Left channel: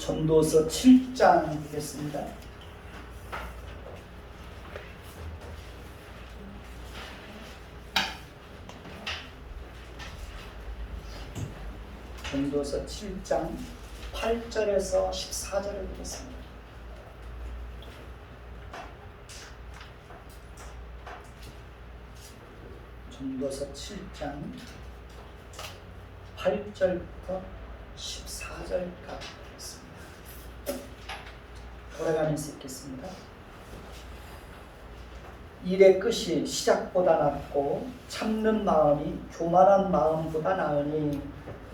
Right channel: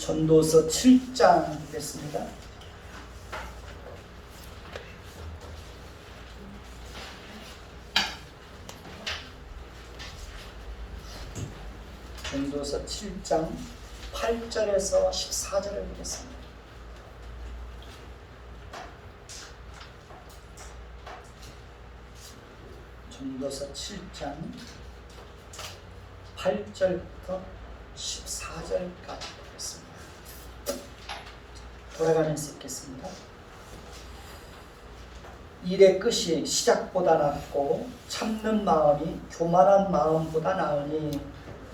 전도서 7장 되겠습니다. 전도서 7장 8절에서 14절을 보겠습니다. 전도서 7장 8절부터 14절까지 보겠습니다. 돌아가면서 읽겠습니다. 일의 끝이 시작보다 낫고 참는 마음이 교만한 마음보다 나으니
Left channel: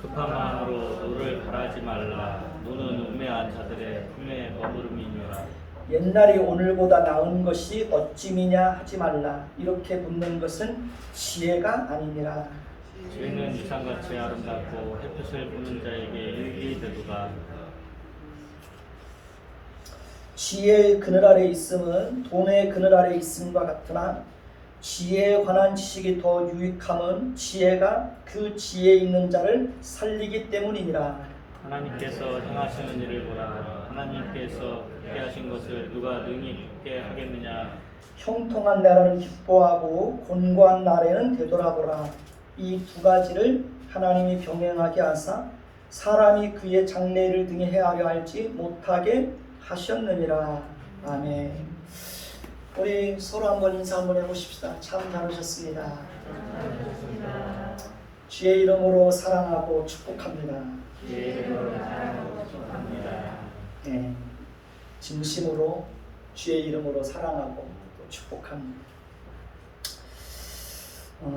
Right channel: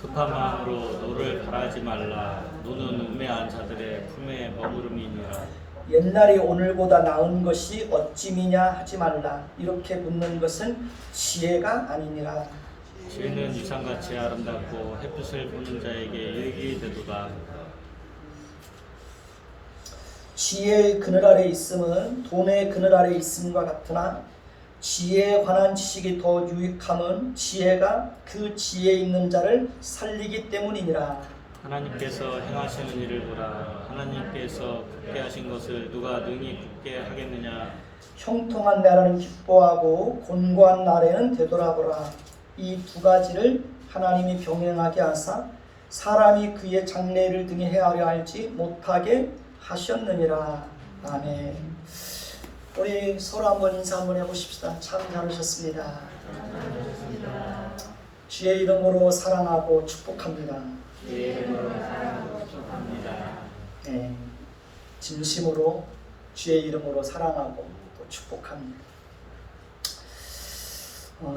급한 마음으로 노를 바라지 말라. 노는 우매한 자들의 품에 머무름이니라. 옛날이 오늘보다 나은 것이 어찌미냐 하지 말라. 이렇게 묻는 것은 지혜가 아니니라. 지혜는 유상같이 아름답고 햇빛을 보는 자에게 유익이 되도다. 지혜의 그늘 아래 있음은 돈의 그늘 아래 있음과 같으나 지혜에 관한 지식이 더 유익함은 지혜가 그 지혜 있는 자를 살리기 때문이니라. 하나님께서 행하시는 일을 보라. 하나님께서 굳게 하신 것을 누가 능히 굳게 하겠느냐. 형통한 날에는 기뻐하고 곤고한 날에는 되돌아보라. 이 두 가지를 하나님이 병행하게 하사 사람이 그의 장래를 등에 헤아려 알지 못하게 하셨느니라. 아멘. 우리 서로 한번 인사 한번 해보십시다. 참 잘하셨습니다. 주의 이름으로 사랑하고 축복합니다. 주의 이름으로 사랑하고 축복합니다. 네, 진심으로 주의 이름으로 사랑하고 또 축복합니다.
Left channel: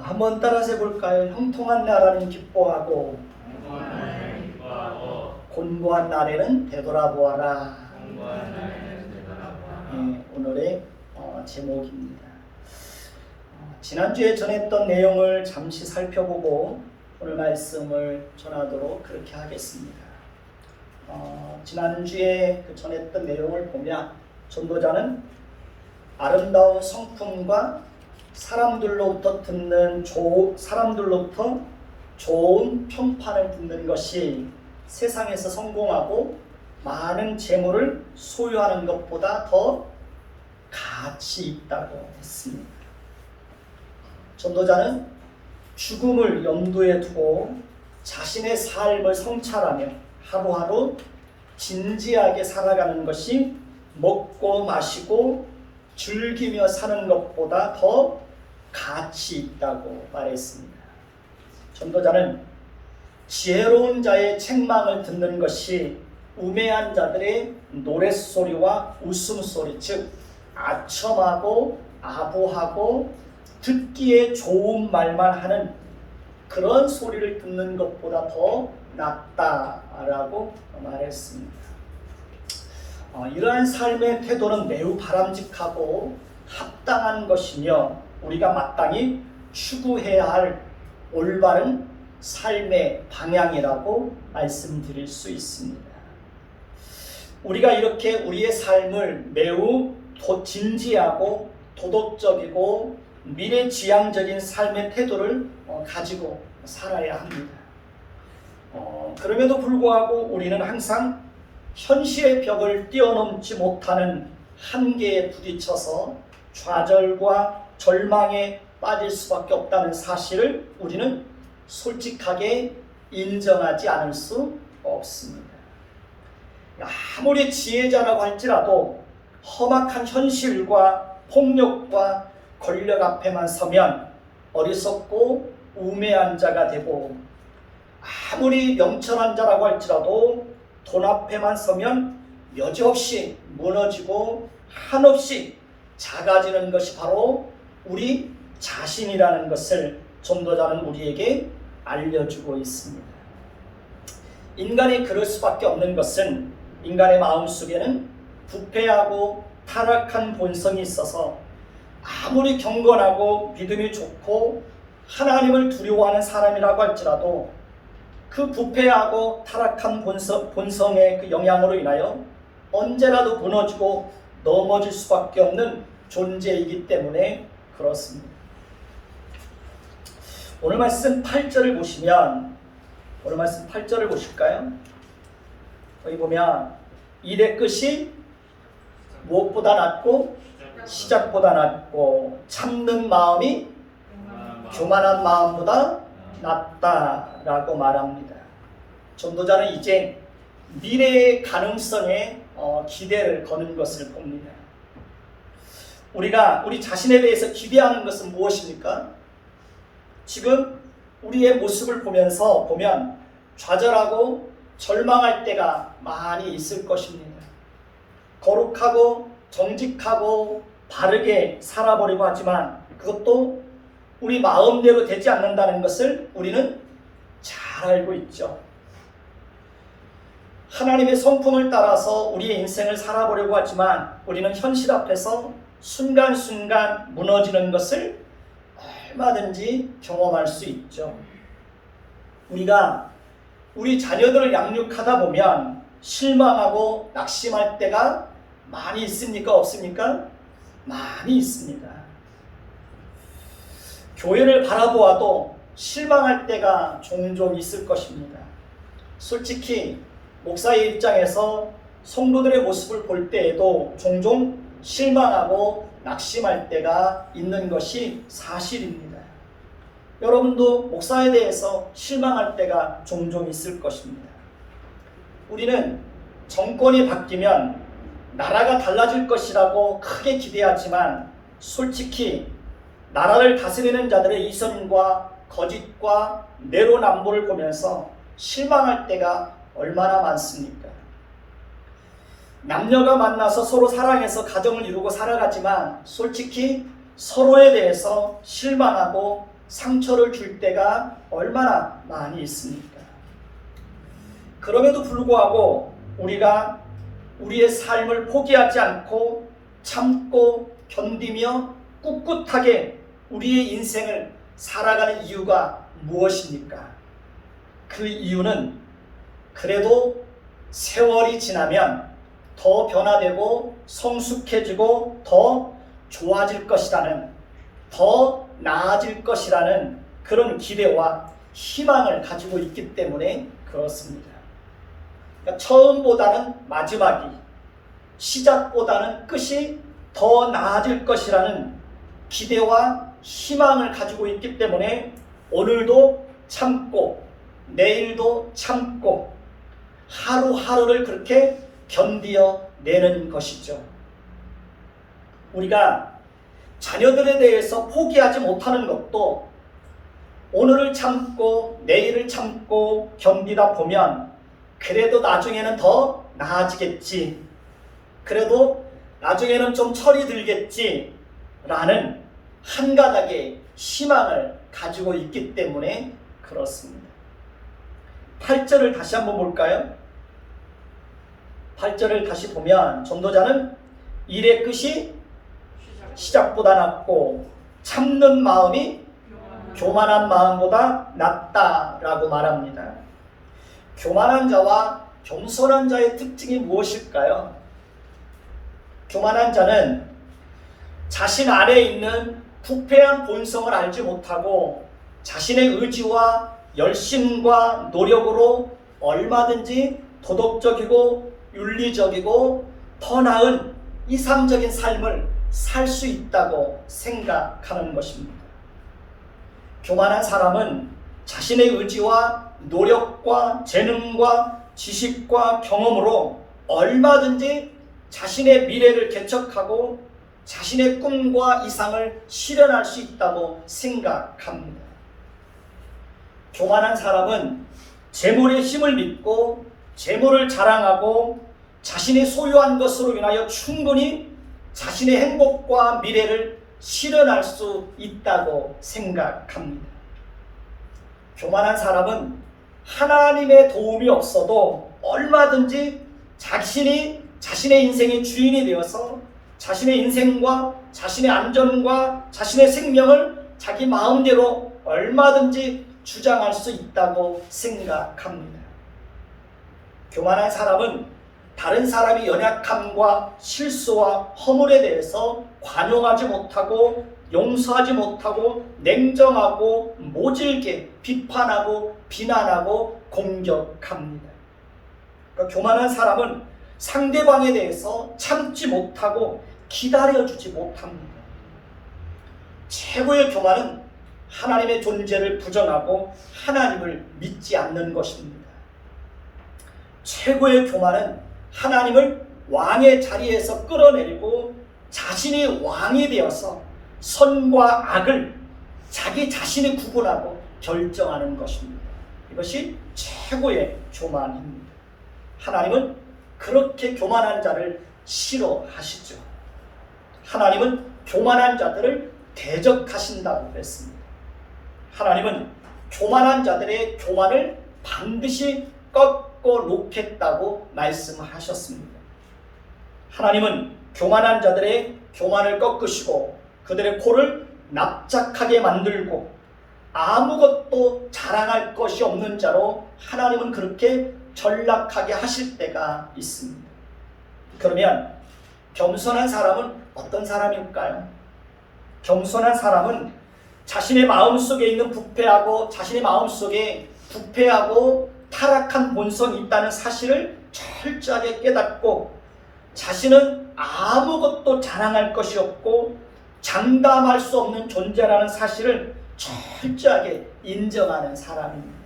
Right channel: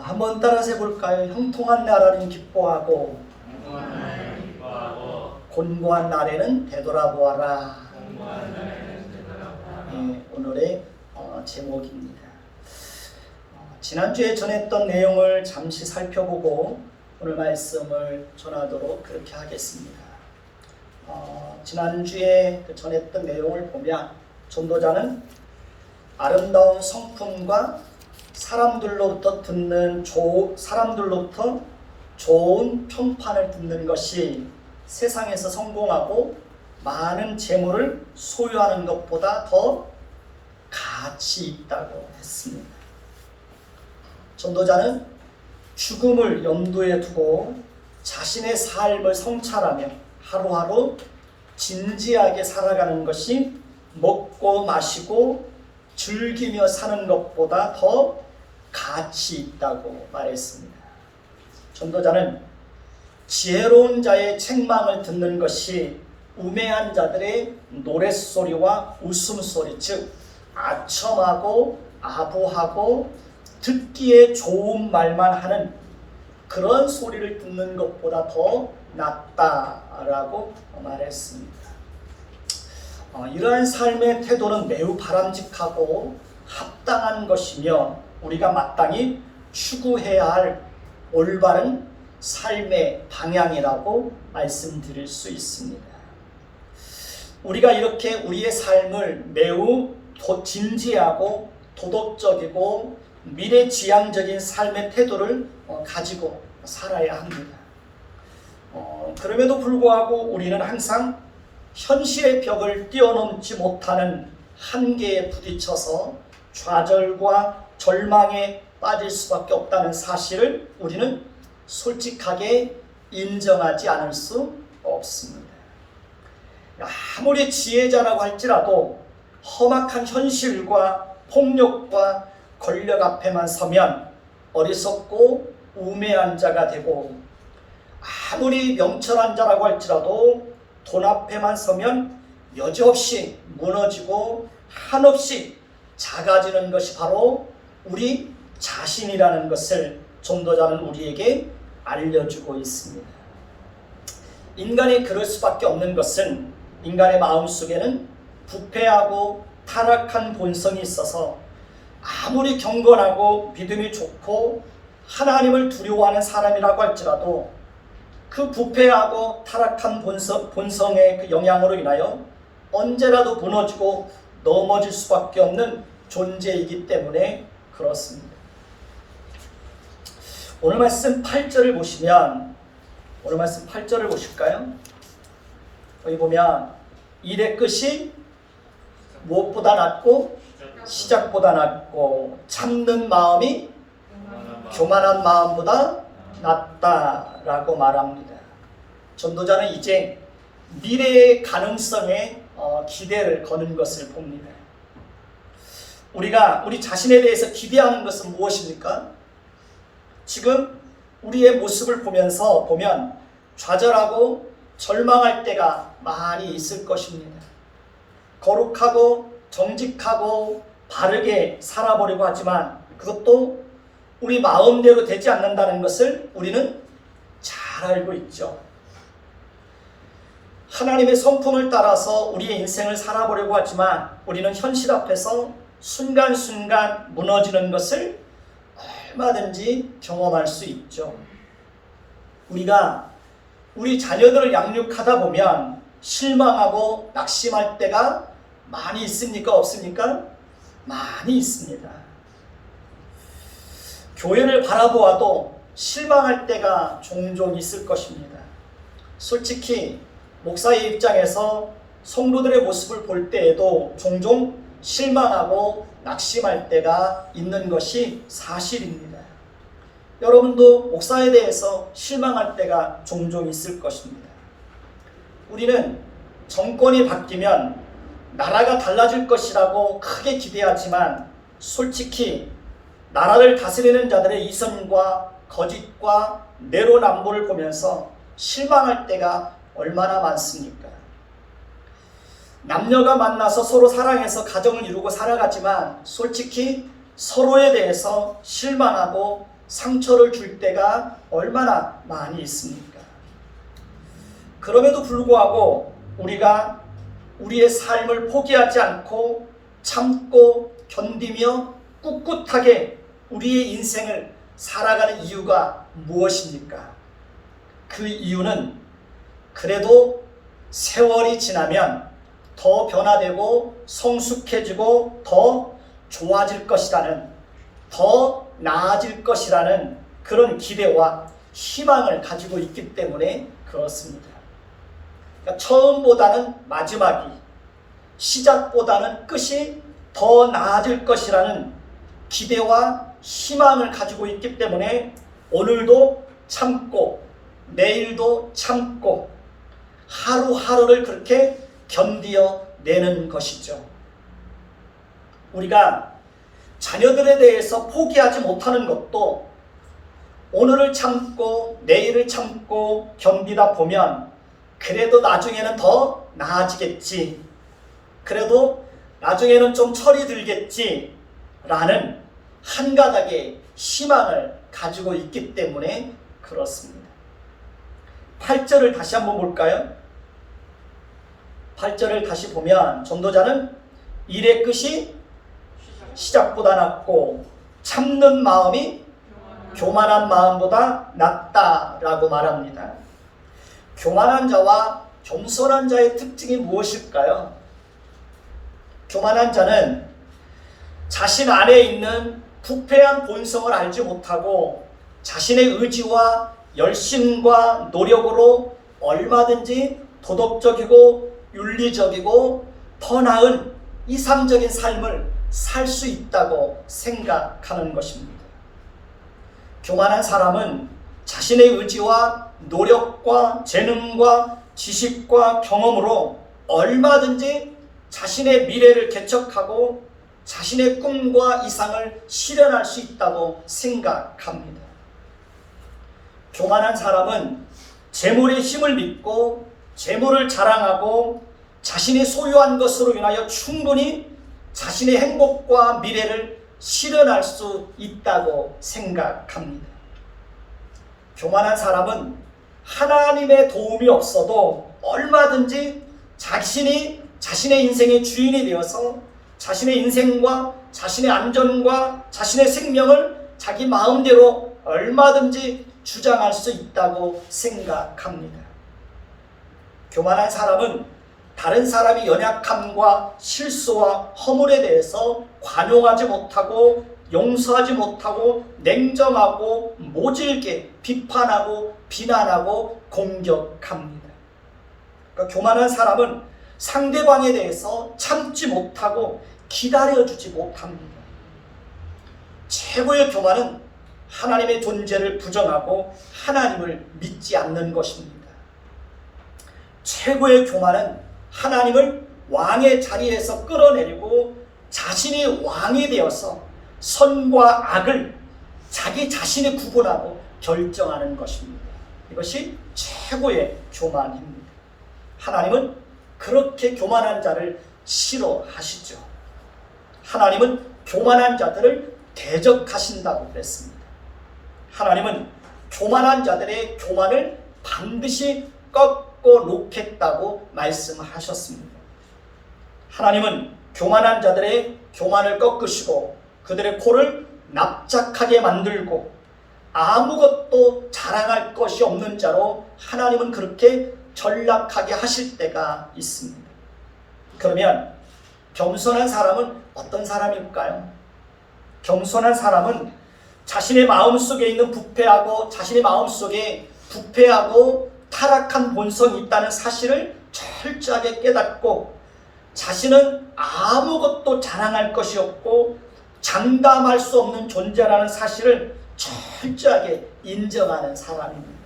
한번 따라서 해볼까요? 형통한 날에는 기뻐하고 곤고한 날에는 되돌아보아라. 네, 오늘의 제목입니다. 지난주에 전했던 내용을 잠시 살펴보고 오늘 말씀을 전하도록 그렇게 하겠습니다. 지난주에 전했던 내용을 보면 전도자는 아름다운 성품과 사람들로부터 좋은 평판을 듣는 것이 세상에서 성공하고 많은 재물을 소유하는 것보다 더 가치 있다고 했습니다. 전도자는 죽음을 염두에 두고 자신의 삶을 성찰하며 하루하루 진지하게 살아가는 것이 먹고 마시고 즐기며 사는 것보다 더 가치 있다고 말했습니다. 전도자는 지혜로운 자의 책망을 듣는 것이 우매한 자들의 노랫소리와 웃음소리, 즉 아첨하고 아부하고 듣기에 좋은 말만 하는 그런 소리를 듣는 것보다 더 낫다라고 말했습니다. 이러한 삶의 태도는 매우 바람직하고 합당한 것이며 우리가 마땅히 추구해야 할 올바른 삶의 방향이라고 말씀드릴 수 있습니다. 우리가 이렇게 우리의 삶을 매우 진지하고 도덕적이고 미래지향적인 삶의 태도를 가지고 살아야 합니다. 그럼에도 불구하고 우리는 항상 현실의 벽을 뛰어넘지 못하는 한계에 부딪혀서 좌절과 절망에 빠질 수밖에 없다는 사실을 우리는 솔직하게 인정하지 않을 수 없습니다. 아무리 지혜자라고 할지라도 험악한 현실과 폭력과 권력 앞에만 서면 어리석고 우매한 자가 되고 아무리 명철한 자라고 할지라도 돈 앞에만 서면 여지없이 무너지고 한없이 작아지는 것이 바로 우리 자신이라는 것을 전도자는 우리에게 알려주고 있습니다. 인간이 그럴 수밖에 없는 것은 인간의 마음속에는 부패하고 타락한 본성이 있어서 아무리 경건하고 믿음이 좋고 하나님을 두려워하는 사람이라고 할지라도 그 부패하고 타락한 본성의 그 영향으로 인하여 언제라도 무너지고 넘어질 수밖에 없는 존재이기 때문에 그렇습니다. 오늘 말씀 8절을 보시면 오늘 말씀 8절을 보실까요? 여기 보면 일의 끝이 무엇보다 낫고 시작보다 낫고 참는 마음이 교만한 마음보다 낫다라고 말합니다. 전도자는 이제 미래의 가능성에 기대를 거는 것을 봅니다. 우리가 우리 자신에 대해서 기대하는 것은 무엇입니까? 지금 우리의 모습을 보면 좌절하고 절망할 때가 많이 있을 것입니다. 거룩하고 정직하고 바르게 살아보려고 하지만 그것도 우리 마음대로 되지 않는다는 것을 우리는 잘 알고 있죠. 하나님의 성품을 따라서 우리의 인생을 살아보려고 하지만 우리는 현실 앞에서 순간순간 무너지는 것을 얼마든지 경험할 수 있죠. 우리가 우리 자녀들을 양육하다 보면 실망하고 낙심할 때가 많이 있습니까? 없습니까? 많이 있습니다. 교회를 바라보아도 실망할 때가 종종 있을 것입니다. 솔직히 목사의 입장에서 성도들의 모습을 볼 때에도 종종 실망하고 낙심할 때가 있는 것이 사실입니다. 여러분도 목사에 대해서 실망할 때가 종종 있을 것입니다. 우리는 정권이 바뀌면 나라가 달라질 것이라고 크게 기대하지만 솔직히 나라를 다스리는 자들의 이선과 거짓과 내로남불을 보면서 실망할 때가 얼마나 많습니까? 남녀가 만나서 서로 사랑해서 가정을 이루고 살아가지만 솔직히 서로에 대해서 실망하고 상처를 줄 때가 얼마나 많이 있습니까? 그럼에도 불구하고 우리가 우리의 삶을 포기하지 않고 참고 견디며 꿋꿋하게 우리의 인생을 살아가는 이유가 무엇입니까? 그 이유는 그래도 세월이 지나면 더 변화되고 성숙해지고 더 좋아질 것이라는, 더 나아질 것이라는 그런 기대와 희망을 가지고 있기 때문에 그렇습니다. 그러니까 처음보다는 마지막이, 시작보다는 끝이 더 나아질 것이라는 기대와 희망을 가지고 있기 때문에 오늘도 참고 내일도 참고 하루하루를 그렇게 견디어내는 것이죠. 우리가 자녀들에 대해서 포기하지 못하는 것도 오늘을 참고 내일을 참고 견디다 보면 그래도 나중에는 더 나아지겠지, 그래도 나중에는 좀 철이 들겠지 라는 한 가닥의 희망을 가지고 있기 때문에 그렇습니다. 8절을 다시 한번 볼까요? 8절을 다시 보면 전도자는 일의 끝이 시작보다 낫고 참는 마음이 교만한 마음보다 낫다라고 말합니다. 교만한 자와 겸손한 자의 특징이 무엇일까요? 교만한 자는 자신 안에 있는 부패한 본성을 알지 못하고 자신의 의지와 열심과 노력으로 얼마든지 도덕적이고 윤리적이고 더 나은 이상적인 삶을 살 수 있다고 생각하는 것입니다. 교만한 사람은 자신의 의지와 노력과 재능과 지식과 경험으로 얼마든지 자신의 미래를 개척하고 자신의 꿈과 이상을 실현할 수 있다고 생각합니다. 교만한 사람은 재물의 힘을 믿고 재물을 자랑하고 자신이 소유한 것으로 인하여 충분히 자신의 행복과 미래를 실현할 수 있다고 생각합니다. 교만한 사람은 하나님의 도움이 없어도 얼마든지 자신이 자신의 인생의 주인이 되어서 자신의 인생과 자신의 안전과 자신의 생명을 자기 마음대로 얼마든지 주장할 수 있다고 생각합니다. 교만한 사람은 다른 사람의 연약함과 실수와 허물에 대해서 관용하지 못하고 용서하지 못하고 냉정하고 모질게 비판하고 비난하고 공격합니다. 그러니까 교만한 사람은 상대방에 대해서 참지 못하고 기다려주지 못합니다. 최고의 교만은 하나님의 존재를 부정하고 하나님을 믿지 않는 것입니다. 최고의 교만은 하나님을 왕의 자리에서 끌어내리고 자신이 왕이 되어서 선과 악을 자기 자신이 구분하고 결정하는 것입니다. 이것이 최고의 교만입니다. 하나님은 그렇게 교만한 자를 싫어하시죠. 하나님은 교만한 자들을 대적하신다고 그랬습니다. 하나님은 교만한 자들의 교만을 반드시 꺾어 놓겠다고 말씀하셨습니다. 하나님은 교만한 자들의 교만을 꺾으시고 그들의 코를 납작하게 만들고 아무것도 자랑할 것이 없는 자로 하나님은 그렇게 전락하게 하실 때가 있습니다. 그러면 겸손한 사람은 어떤 사람일까요? 겸손한 사람은 자신의 마음속에 있는 자신의 마음속에 부패하고 타락한 본성이 있다는 사실을 철저하게 깨닫고 자신은 아무것도 자랑할 것이 없고 장담할 수 없는 존재라는 사실을 철저하게 인정하는 사람입니다.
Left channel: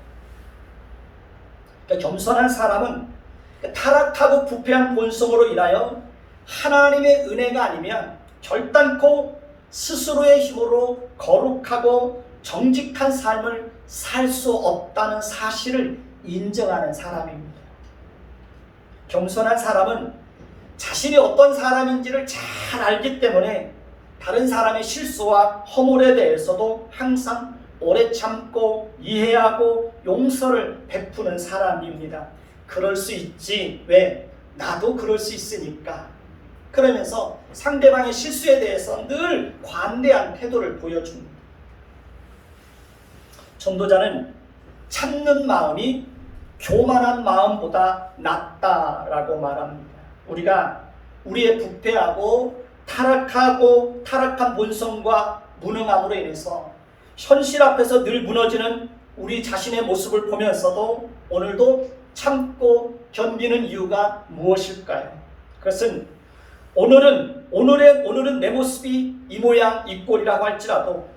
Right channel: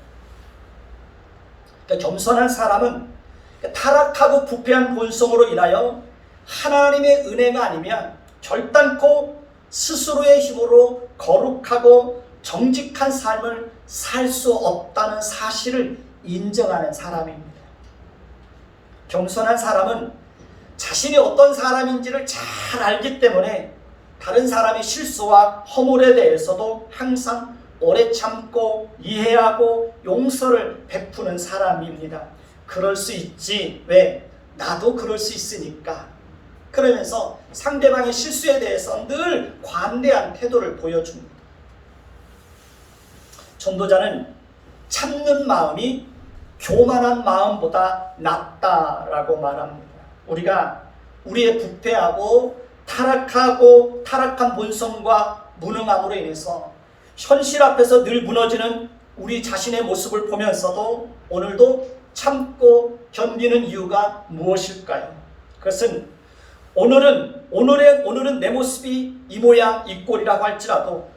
그러니까 겸손한 사람은 타락하고 부패한 본성으로 인하여 하나님의 은혜가 아니면 결단코 스스로의 힘으로 거룩하고 정직한 삶을 살 수 없다는 사실을 인정하는 사람입니다. 겸손한 사람은 자신이 어떤 사람인지를 잘 알기 때문에 다른 사람의 실수와 허물에 대해서도 항상 오래 참고 이해하고 용서를 베푸는 사람입니다. 그럴 수 있지. 왜? 나도 그럴 수 있으니까. 그러면서 상대방의 실수에 대해서 늘 관대한 태도를 보여줍니다. 전도자는 참는 마음이 교만한 마음보다 낫다라고 말합니다. 우리가 우리의 부패하고 타락한 본성과 무능함으로 인해서 현실 앞에서 늘 무너지는 우리 자신의 모습을 보면서도 오늘도 참고 견디는 이유가 무엇일까요? 그것은 오늘은 내 모습이 이 모양 이 꼴이라고 할지라도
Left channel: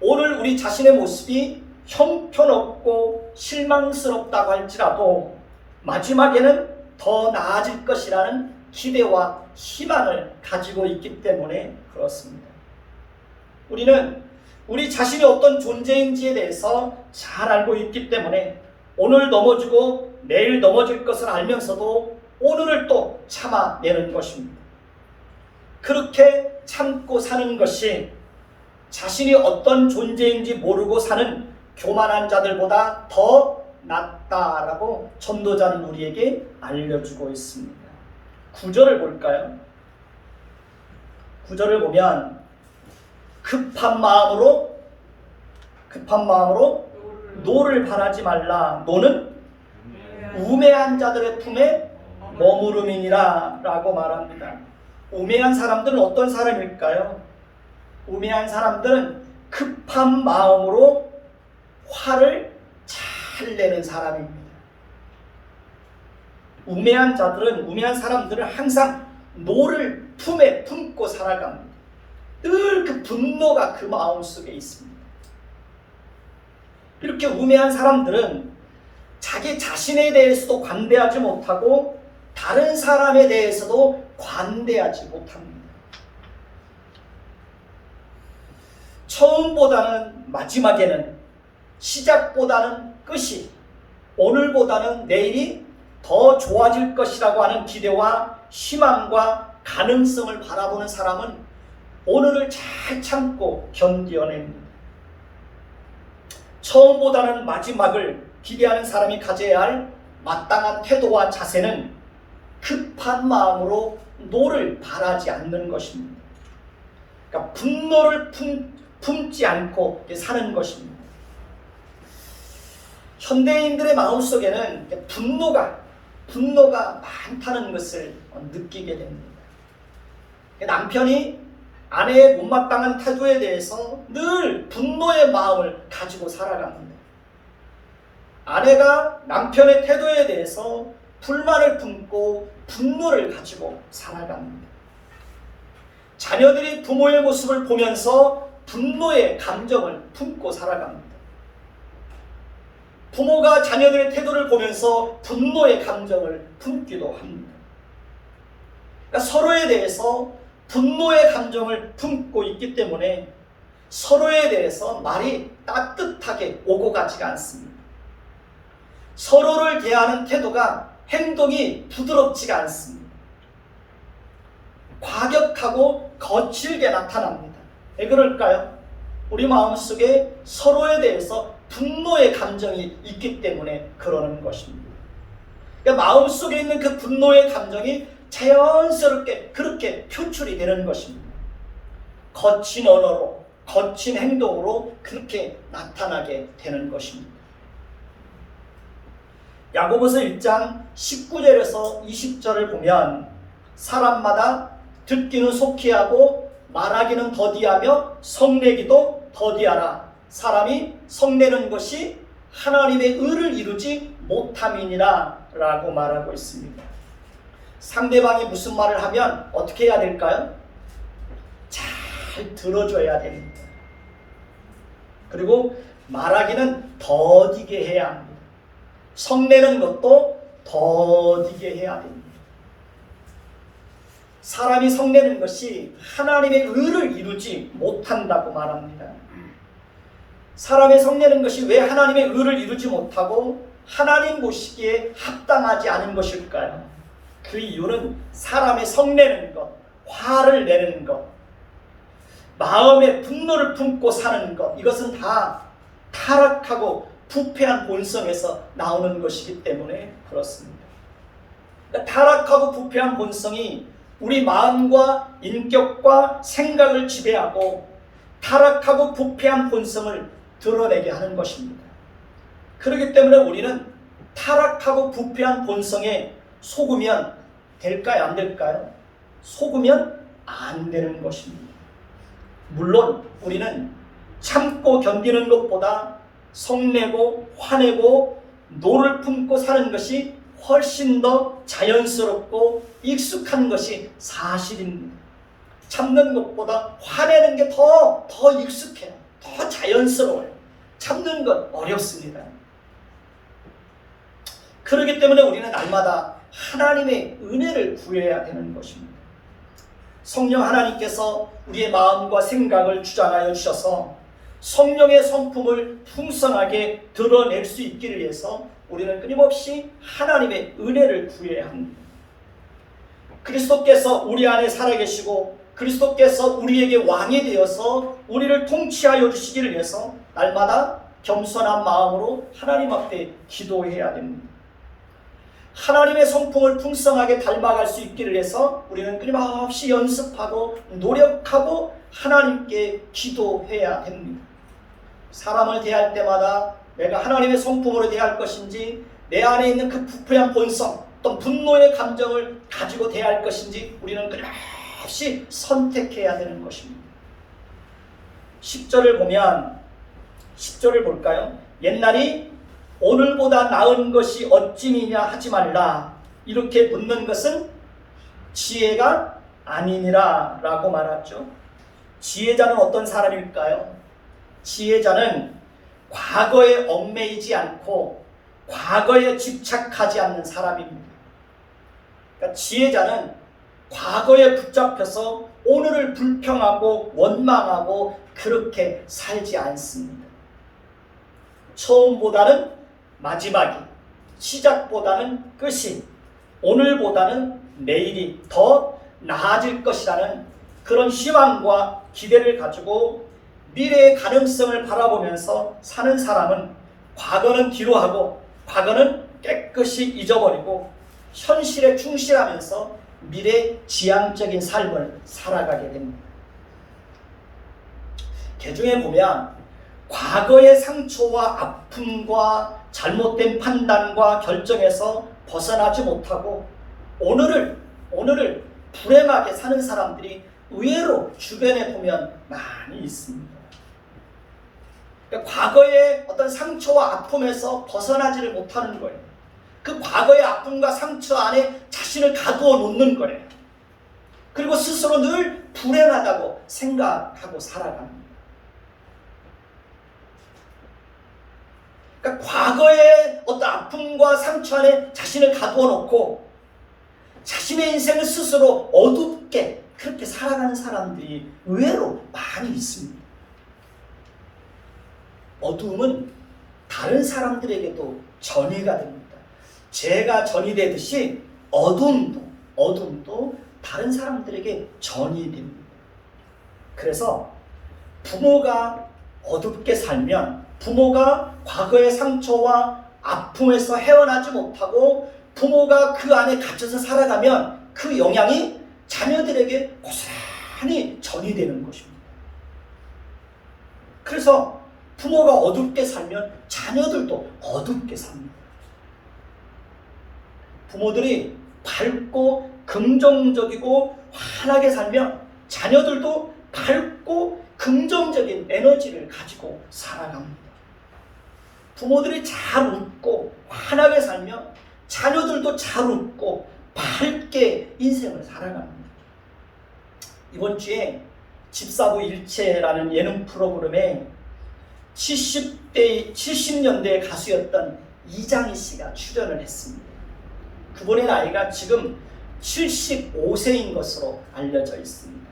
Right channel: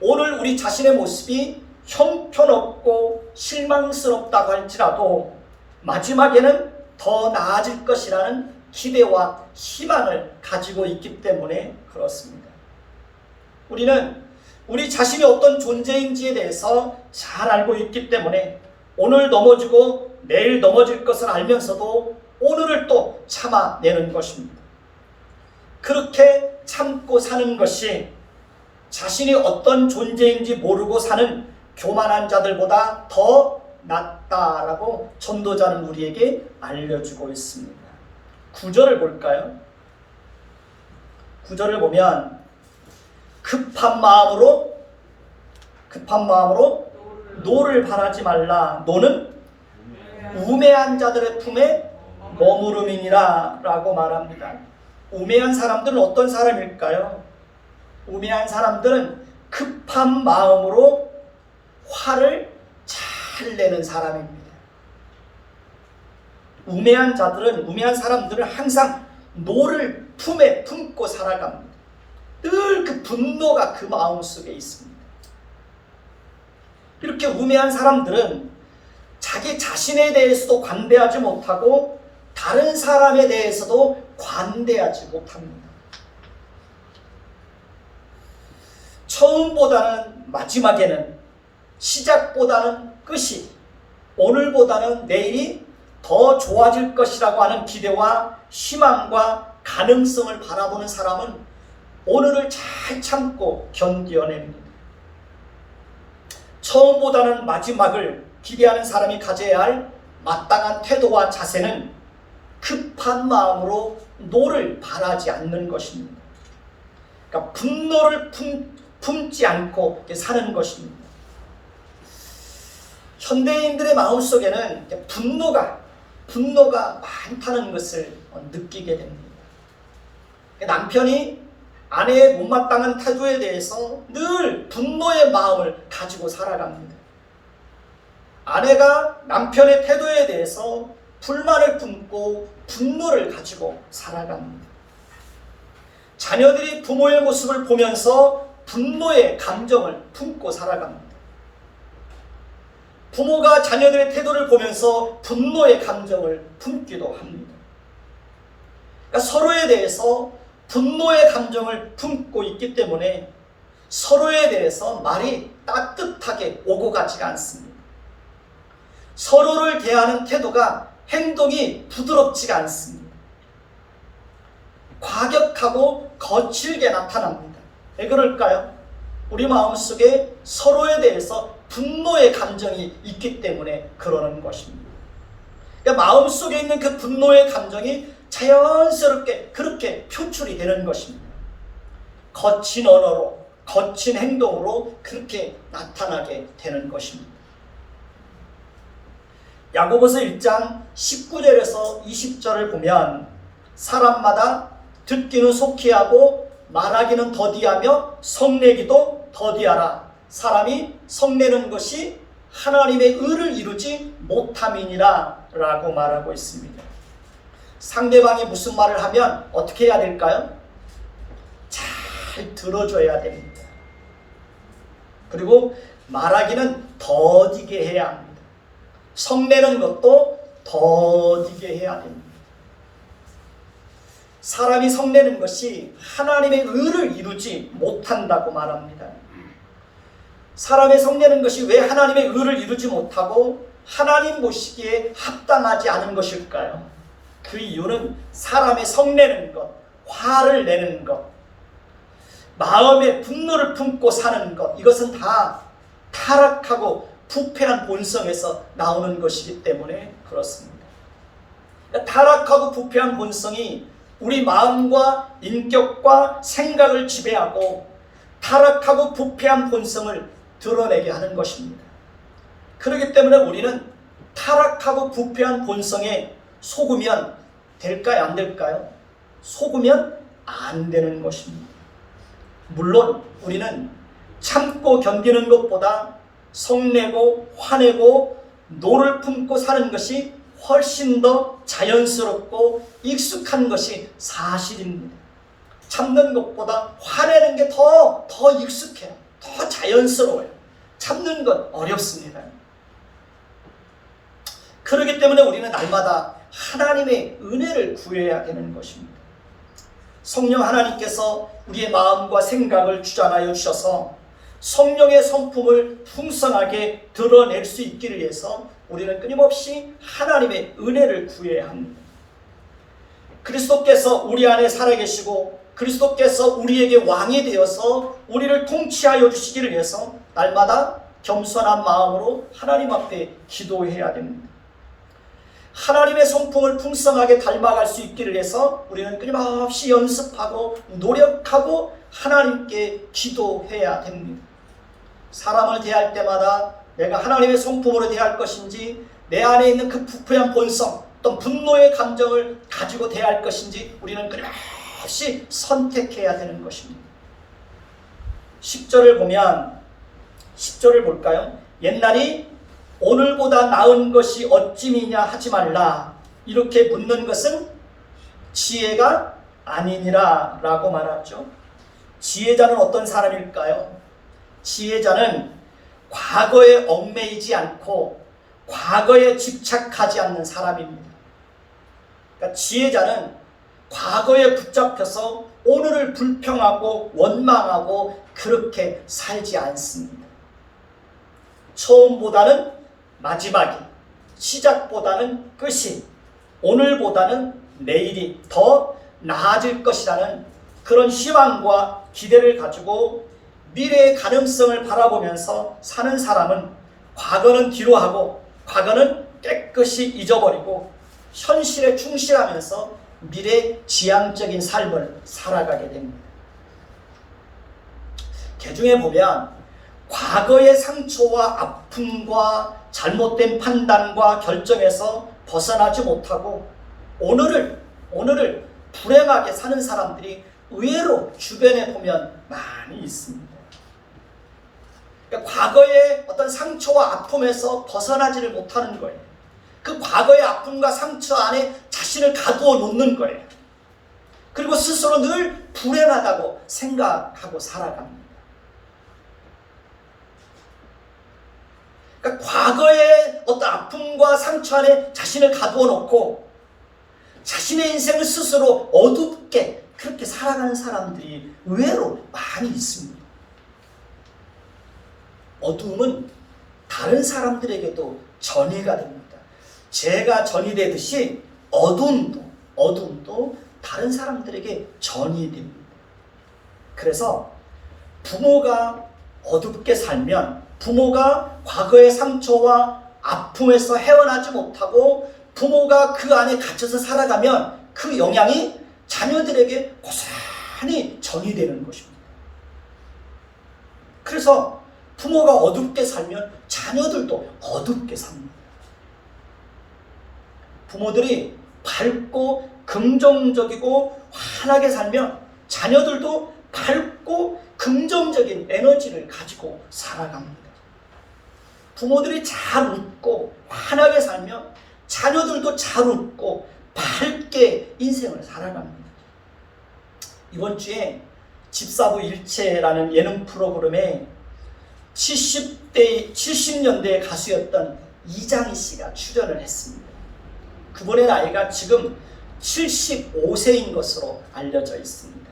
오늘 우리 자신의 모습이 형편없고 실망스럽다고 할지라도 마지막에는 더 나아질 것이라는 기대와 희망을 가지고 있기 때문에 그렇습니다. 우리는 우리 자신이 어떤 존재인지에 대해서 잘 알고 있기 때문에 오늘 넘어지고 내일 넘어질 것을 알면서도 오늘을 또 참아내는 것입니다. 그렇게 참고 사는 것이 자신이 어떤 존재인지 모르고 사는 교만한 자들보다 더 낫다라고 전도자는 우리에게 알려주고 있습니다. 9절을 볼까요? 9절을 보면 급한 마음으로 노를 바라지 말라. 노는 우매한 자들의 품에 머무름이니라 라고 말합니다. 우매한 사람들은 어떤 사람일까요? 우매한 사람들은 급한 마음으로 화를 잘 내는 사람입니다. 우매한 사람들은 항상 노를 품에 품고 살아갑니다. 늘 그 분노가 그 마음속에 있습니다. 이렇게 우매한 사람들은 자기 자신에 대해서도 관대하지 못하고 다른 사람에 대해서도 관대하지 못합니다. 처음보다는 마지막에는, 시작보다는 끝이, 오늘보다는 내일이 더 좋아질 것이라고 하는 기대와 희망과 가능성을 바라보는 사람은 오늘을 잘 참고 견뎌냅니다. 처음보다는 마지막을 기대하는 사람이 가져야 할 마땅한 태도와 자세는 급한 마음으로 노를 바라지 않는 것입니다. 그러니까 분노를 품지 않고 사는 것입니다. 현대인들의 마음속에는 분노가 많다는 것을 느끼게 됩니다. 남편이 아내의 못마땅한 태도에 대해서 늘 분노의 마음을 가지고 살아갑니다. 아내가 남편의 태도에 대해서 불만을 품고 분노를 가지고 살아갑니다. 자녀들이 부모의 모습을 보면서 분노의 감정을 품고 살아갑니다. 부모가 자녀들의 태도를 보면서 분노의 감정을 품기도 합니다. 그러니까 서로에 대해서 분노의 감정을 품고 있기 때문에 서로에 대해서 말이 따뜻하게 오고 가지가 않습니다. 서로를 대하는 태도가 행동이 부드럽지가 않습니다. 과격하고 거칠게 나타납니다. 왜 그럴까요? 우리 마음속에 서로에 대해서 분노의 감정이 있기 때문에 그러는 것입니다. 그러니까 마음속에 있는 그 분노의 감정이 자연스럽게 그렇게 표출이 되는 것입니다. 거친 언어로, 거친 행동으로 그렇게 나타나게 되는 것입니다. 야고보서 1장 19절에서 20절을 보면 사람마다 듣기는 속히 하고 말하기는 더디하며 성내기도 더디하라. 사람이 성내는 것이 하나님의 의를 이루지 못함이니라 라고 말하고 있습니다. 상대방이 무슨 말을 하면 어떻게 해야 될까요? 잘 들어줘야 됩니다. 그리고 말하기는 더디게 해야 합니다. 성내는 것도 더디게 해야 됩니다. 사람이 성내는 것이 하나님의 의를 이루지 못한다고 말합니다. 사람이 성내는 것이 왜 하나님의 의를 이루지 못하고 하나님 보시기에 합당하지 않은 것일까요? 그 이유는 사람이 성내는 것, 화를 내는 것, 마음에 분노를 품고 사는 것, 이것은 다 타락하고 부패한 본성에서 나오는 것이기 때문에 그렇습니다. 그러니까 타락하고 부패한 본성이 우리 마음과 인격과 생각을 지배하고 타락하고 부패한 본성을 드러내게 하는 것입니다. 그렇기 때문에 우리는 타락하고 부패한 본성에 속으면 될까요? 안 될까요? 속으면 안 되는 것입니다. 물론 우리는 참고 견디는 것보다 성내고 화내고 노를 품고 사는 것이 훨씬 더 자연스럽고 익숙한 것이 사실입니다. 참는 것보다 화내는 게 더 익숙해요. 더 자연스러워요. 참는 건 어렵습니다. 그렇기 때문에 우리는 날마다 하나님의 은혜를 구해야 되는 것입니다. 성령 하나님께서 우리의 마음과 생각을 주장하여 주셔서 성령의 성품을 풍성하게 드러낼 수 있기를 위해서 우리는 끊임없이 하나님의 은혜를 구해야 합니다. 그리스도께서 우리 안에 살아계시고 그리스도께서 우리에게 왕이 되어서 우리를 통치하여 주시기를 위해서 날마다 겸손한 마음으로 하나님 앞에 기도해야 됩니다. 하나님의 성품을 풍성하게 닮아갈 수 있기를 위해서 우리는 끊임없이 연습하고 노력하고 하나님께 기도해야 됩니다. 사람을 대할 때마다 내가 하나님의 성품으로 대할 것인지 내 안에 있는 그 부패한 본성 또 분노의 감정을 가지고 대할 것인지 우리는 끊임없이 선택해야 되는 것입니다. 10절을 보면 10절을 볼까요? 옛날이 오늘보다 나은 것이 어찌니냐 하지 말라. 이렇게 묻는 것은 지혜가 아니니라 라고 말하죠. 지혜자는 어떤 사람일까요? 지혜자는 과거에 얽매이지 않고 과거에 집착하지 않는 사람입니다. 그러니까 지혜자는 과거에 붙잡혀서 오늘을 불평하고 원망하고 그렇게 살지 않습니다. 처음보다는 마지막이, 시작보다는 끝이, 오늘보다는 내일이 더 나아질 것이라는 그런 희망과 기대를 가지고 미래의 가능성을 바라보면서 사는 사람은 과거는 뒤로 하고 과거는 깨끗이 잊어버리고 현실에 충실하면서 미래 지향적인 삶을 살아가게 됩니다. 개중에 보면 과거의 상처와 아픔과 잘못된 판단과 결정에서 벗어나지 못하고 오늘을 불행하게 사는 사람들이 의외로 주변에 보면 많이 있습니다. 그러니까 과거의 어떤 상처와 아픔에서 벗어나지를 못하는 거예요. 그 과거의 아픔과 상처 안에 자신을 가두어 놓는 거예요. 그리고 스스로 늘 불행하다고 생각하고 살아갑니다. 그러니까 과거의 어떤 아픔과 상처 안에 자신을 가두어 놓고 자신의 인생을 스스로 어둡게 그렇게 살아가는 사람들이 의외로 많이 있습니다. 어두움은 다른 사람들에게도 전이가 됩니다. 죄가 전이 되듯이 어둠도 다른 사람들에게 전이 됩니다. 그래서 부모가 어둡게 살면, 부모가 과거의 상처와 아픔에서 헤어나지 못하고 부모가 그 안에 갇혀서 살아가면 그 영향이 자녀들에게 고스란히 전이 되는 것입니다. 그래서 부모가 어둡게 살면 자녀들도 어둡게 삽니다. 부모들이 밝고 긍정적이고 환하게 살면 자녀들도 밝고 긍정적인 에너지를 가지고 살아갑니다. 부모들이 잘 웃고 환하게 살면 자녀들도 잘 웃고 밝게 인생을 살아갑니다. 이번 주에 집사부 일체라는 예능 프로그램에 70년대 가수였던 이장희 씨가 출연을 했습니다. 그분의 나이가 지금 75세인 것으로 알려져 있습니다.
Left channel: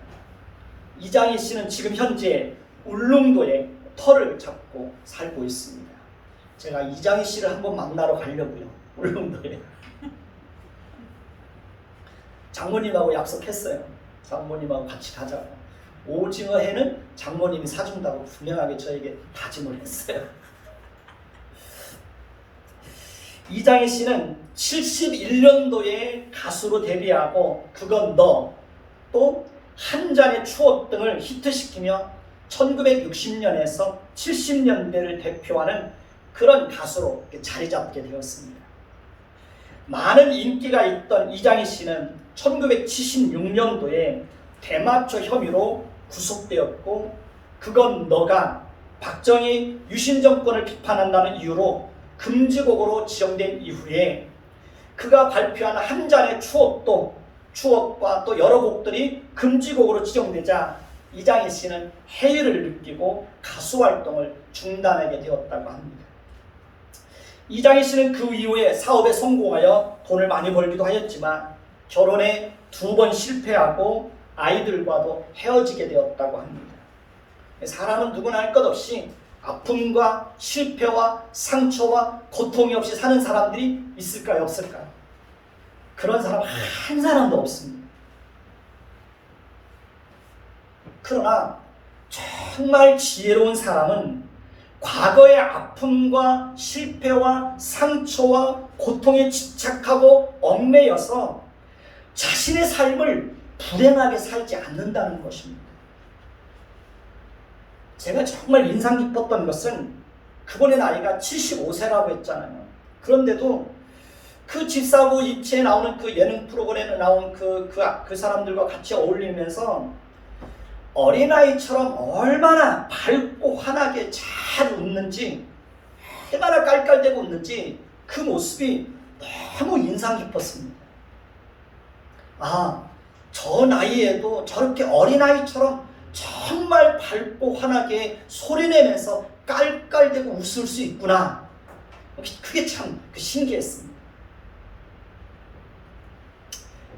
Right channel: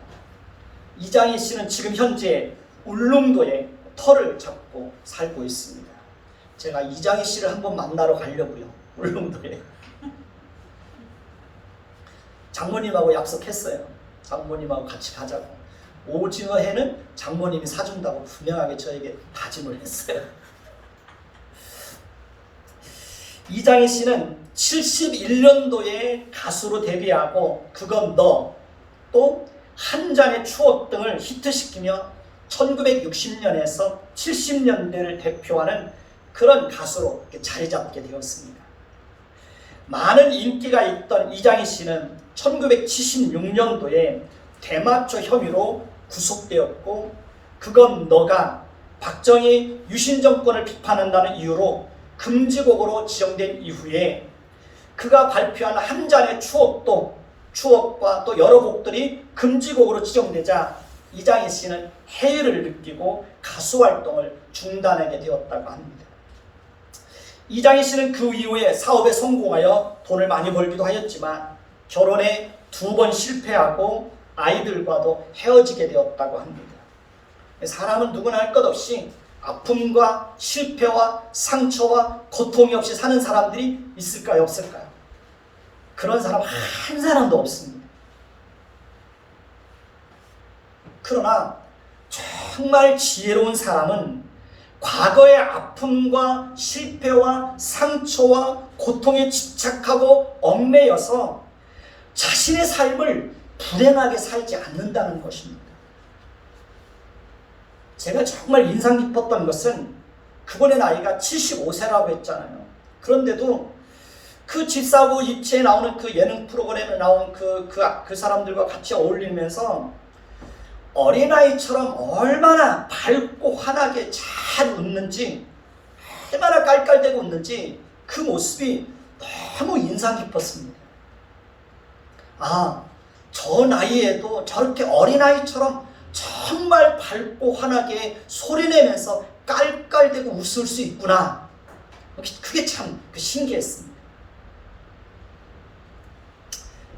이장희 씨는 지금 현재 울릉도에 터를 잡고 살고 있습니다. 제가 이장희 씨를 한번 만나러 가려고요. 울릉도에. 장모님하고 약속했어요. 장모님하고 같이 가자고. 오징어 회는 장모님이 사준다고 분명하게 저에게 다짐을 했어요. 이장희 씨는 71년도에 가수로 데뷔하고 그건 너, 또 한 잔의 추억 등을 히트시키며 1960년에서 70년대를 대표하는 그런 가수로 자리 잡게 되었습니다. 많은 인기가 있던 이장희 씨는 1976년도에 대마초 혐의로 구속되었고, 그건 너가 박정희 유신 정권을 비판한다는 이유로 금지곡으로 지정된 이후에 그가 발표한 한 잔의 추억과 또 여러 곡들이 금지곡으로 지정되자 이장희 씨는 해이를 느끼고 가수 활동을 중단하게 되었다고 합니다. 이장희 씨는 그 이후에 사업에 성공하여 돈을 많이 벌기도 하였지만 결혼에 2번 실패하고 아이들과도 헤어지게 되었다고 합니다. 사람은 누구나 할 것 없이 아픔과 실패와 상처와 고통이 없이 사는 사람들이 있을까요, 없을까요? 그런 사람 한 사람도 없습니다. 그러나 정말 지혜로운 사람은 과거의 아픔과 실패와 상처와 고통에 집착하고 얽매여서 자신의 삶을 불행하게 살지 않는다는 것입니다. 제가 정말 인상 깊었던 것은 그분의 나이가 75세라고 했잖아요. 그런데도 그 집사부 입체에 나오는 그 예능 프로그램에 나온 그 사람들과 같이 어울리면서 어린아이처럼 얼마나 밝고 환하게 잘 웃는지, 얼마나 깔깔대고 웃는지 그 모습이 너무 인상 깊었습니다. 아, 저 나이에도 저렇게 어린아이처럼 정말 밝고 환하게 소리내면서 깔깔대고 웃을 수 있구나. 그게 참 신기했습니다.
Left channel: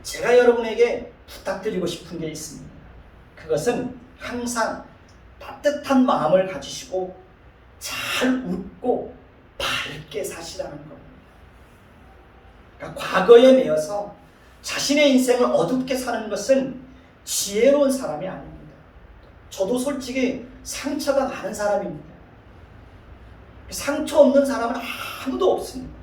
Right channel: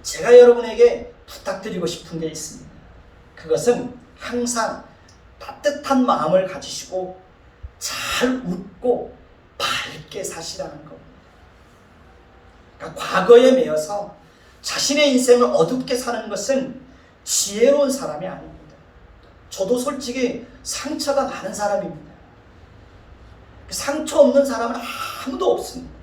제가 여러분에게 부탁드리고 싶은 게 있습니다. 그것은 항상 따뜻한 마음을 가지시고 잘 웃고 밝게 사시라는 겁니다. 그러니까 과거에 매여서 자신의 인생을 어둡게 사는 것은 지혜로운 사람이 아닙니다. 저도 솔직히 상처가 많은 사람입니다. 상처 없는 사람은 아무도 없습니다.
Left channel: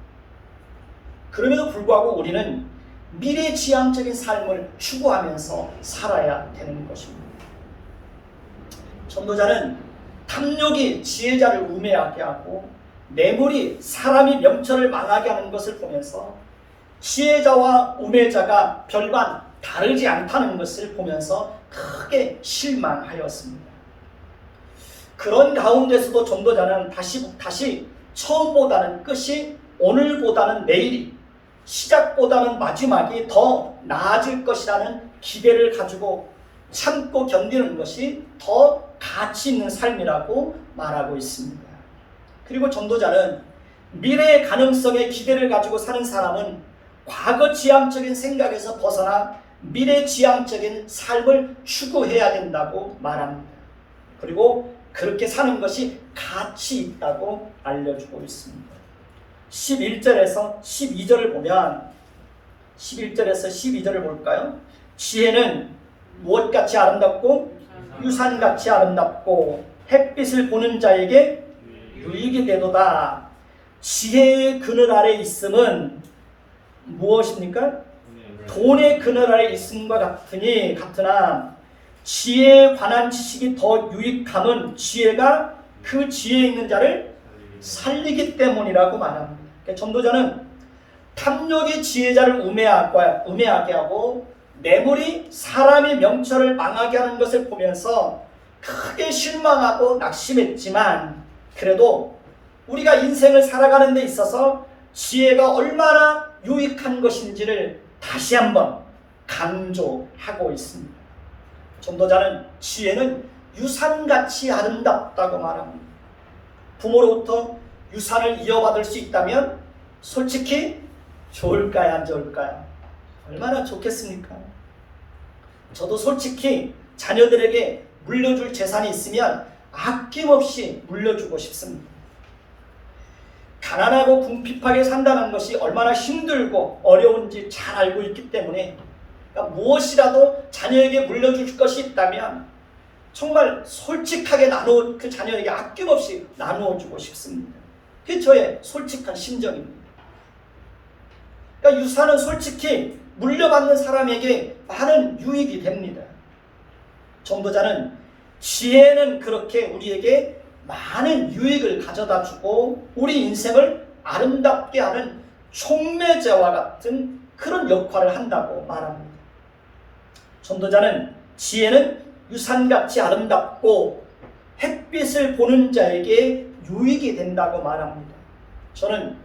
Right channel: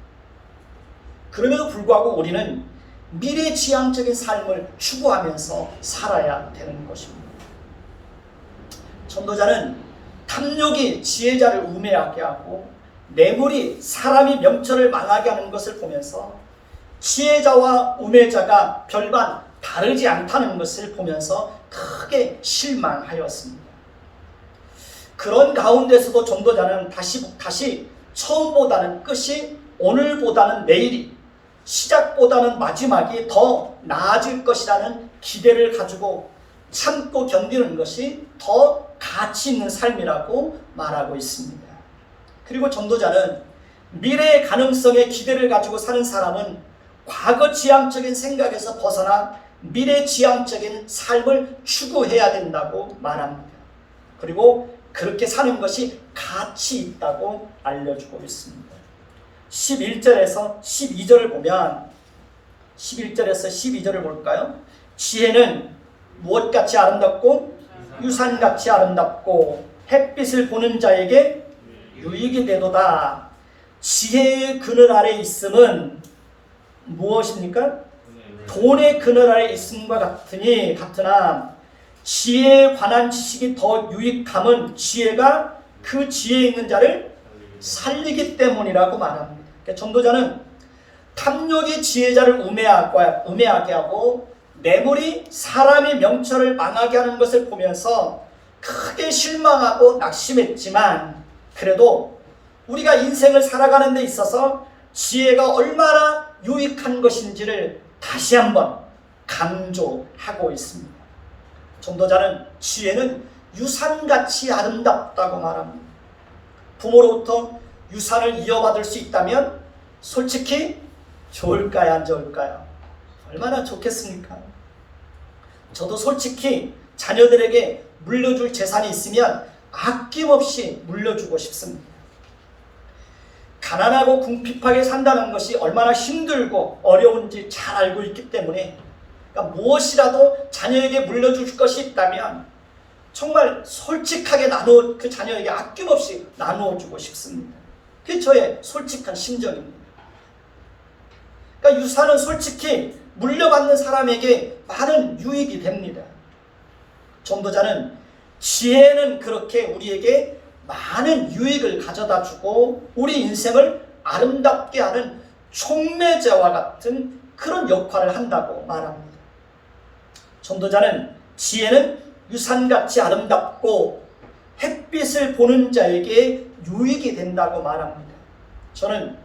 그럼에도 불구하고 우리는 미래지향적인 삶을 추구하면서 살아야 되는 것입니다. 전도자는 탐욕이 지혜자를 우매하게 하고 뇌물이 사람이 명철을 망하게 하는 것을 보면서 지혜자와 우매자가 별반 다르지 않다는 것을 보면서 크게 실망하였습니다. 그런 가운데서도 전도자는 다시 처음보다는 끝이, 오늘보다는 내일이 시작보다는 마지막이 더 나아질 것이라는 기대를 가지고 참고 견디는 것이 더 가치 있는 삶이라고 말하고 있습니다. 그리고 전도자는 미래의 가능성에 기대를 가지고 사는 사람은 과거 지향적인 생각에서 벗어나 미래 지향적인 삶을 추구해야 된다고 말합니다. 그리고 그렇게 사는 것이 가치 있다고 알려주고 있습니다. 11절에서 12절을 보면 11절에서 12절을 볼까요? 지혜는 무엇같이 아름답고 유산같이 아름답고 햇빛을 보는 자에게 유익이 되도다. 지혜의 그늘 아래 있음은 무엇입니까? 돈의 그늘 아래 있음과 같으나 지혜에 관한 지식이 더 유익함은 지혜가 그 지혜에 있는 자를 살리기 때문이라고 말합니다. 그러니까 전도자는 탐욕이 지혜자를 우매하게 하고 뇌물이 사람의 명철을 망하게 하는 것을 보면서 크게 실망하고 낙심했지만 그래도 우리가 인생을 살아가는 데 있어서 지혜가 얼마나 유익한 것인지를 다시 한번 강조하고 있습니다. 전도자는 지혜는 유산같이 아름답다고 말합니다. 부모로부터 유산을 이어받을 수 있다면 솔직히 좋을까요? 안 좋을까요? 얼마나 좋겠습니까? 저도 솔직히 자녀들에게 물려줄 재산이 있으면 아낌없이 물려주고 싶습니다. 가난하고 궁핍하게 산다는 것이 얼마나 힘들고 어려운지 잘 알고 있기 때문에 그러니까 무엇이라도 자녀에게 물려줄 것이 있다면 정말 솔직하게 그 자녀에게 아낌없이 나누어주고 싶습니다. 그게 저의 솔직한 심정입니다. 그러니까 유산은 솔직히 물려받는 사람에게 많은 유익이 됩니다. 전도자는 지혜는 그렇게 우리에게 많은 유익을 가져다 주고 우리 인생을 아름답게 하는 촉매제와 같은 그런 역할을 한다고 말합니다. 전도자는 지혜는 유산같이 아름답고 햇빛을 보는 자에게 유익이 된다고 말합니다. 저는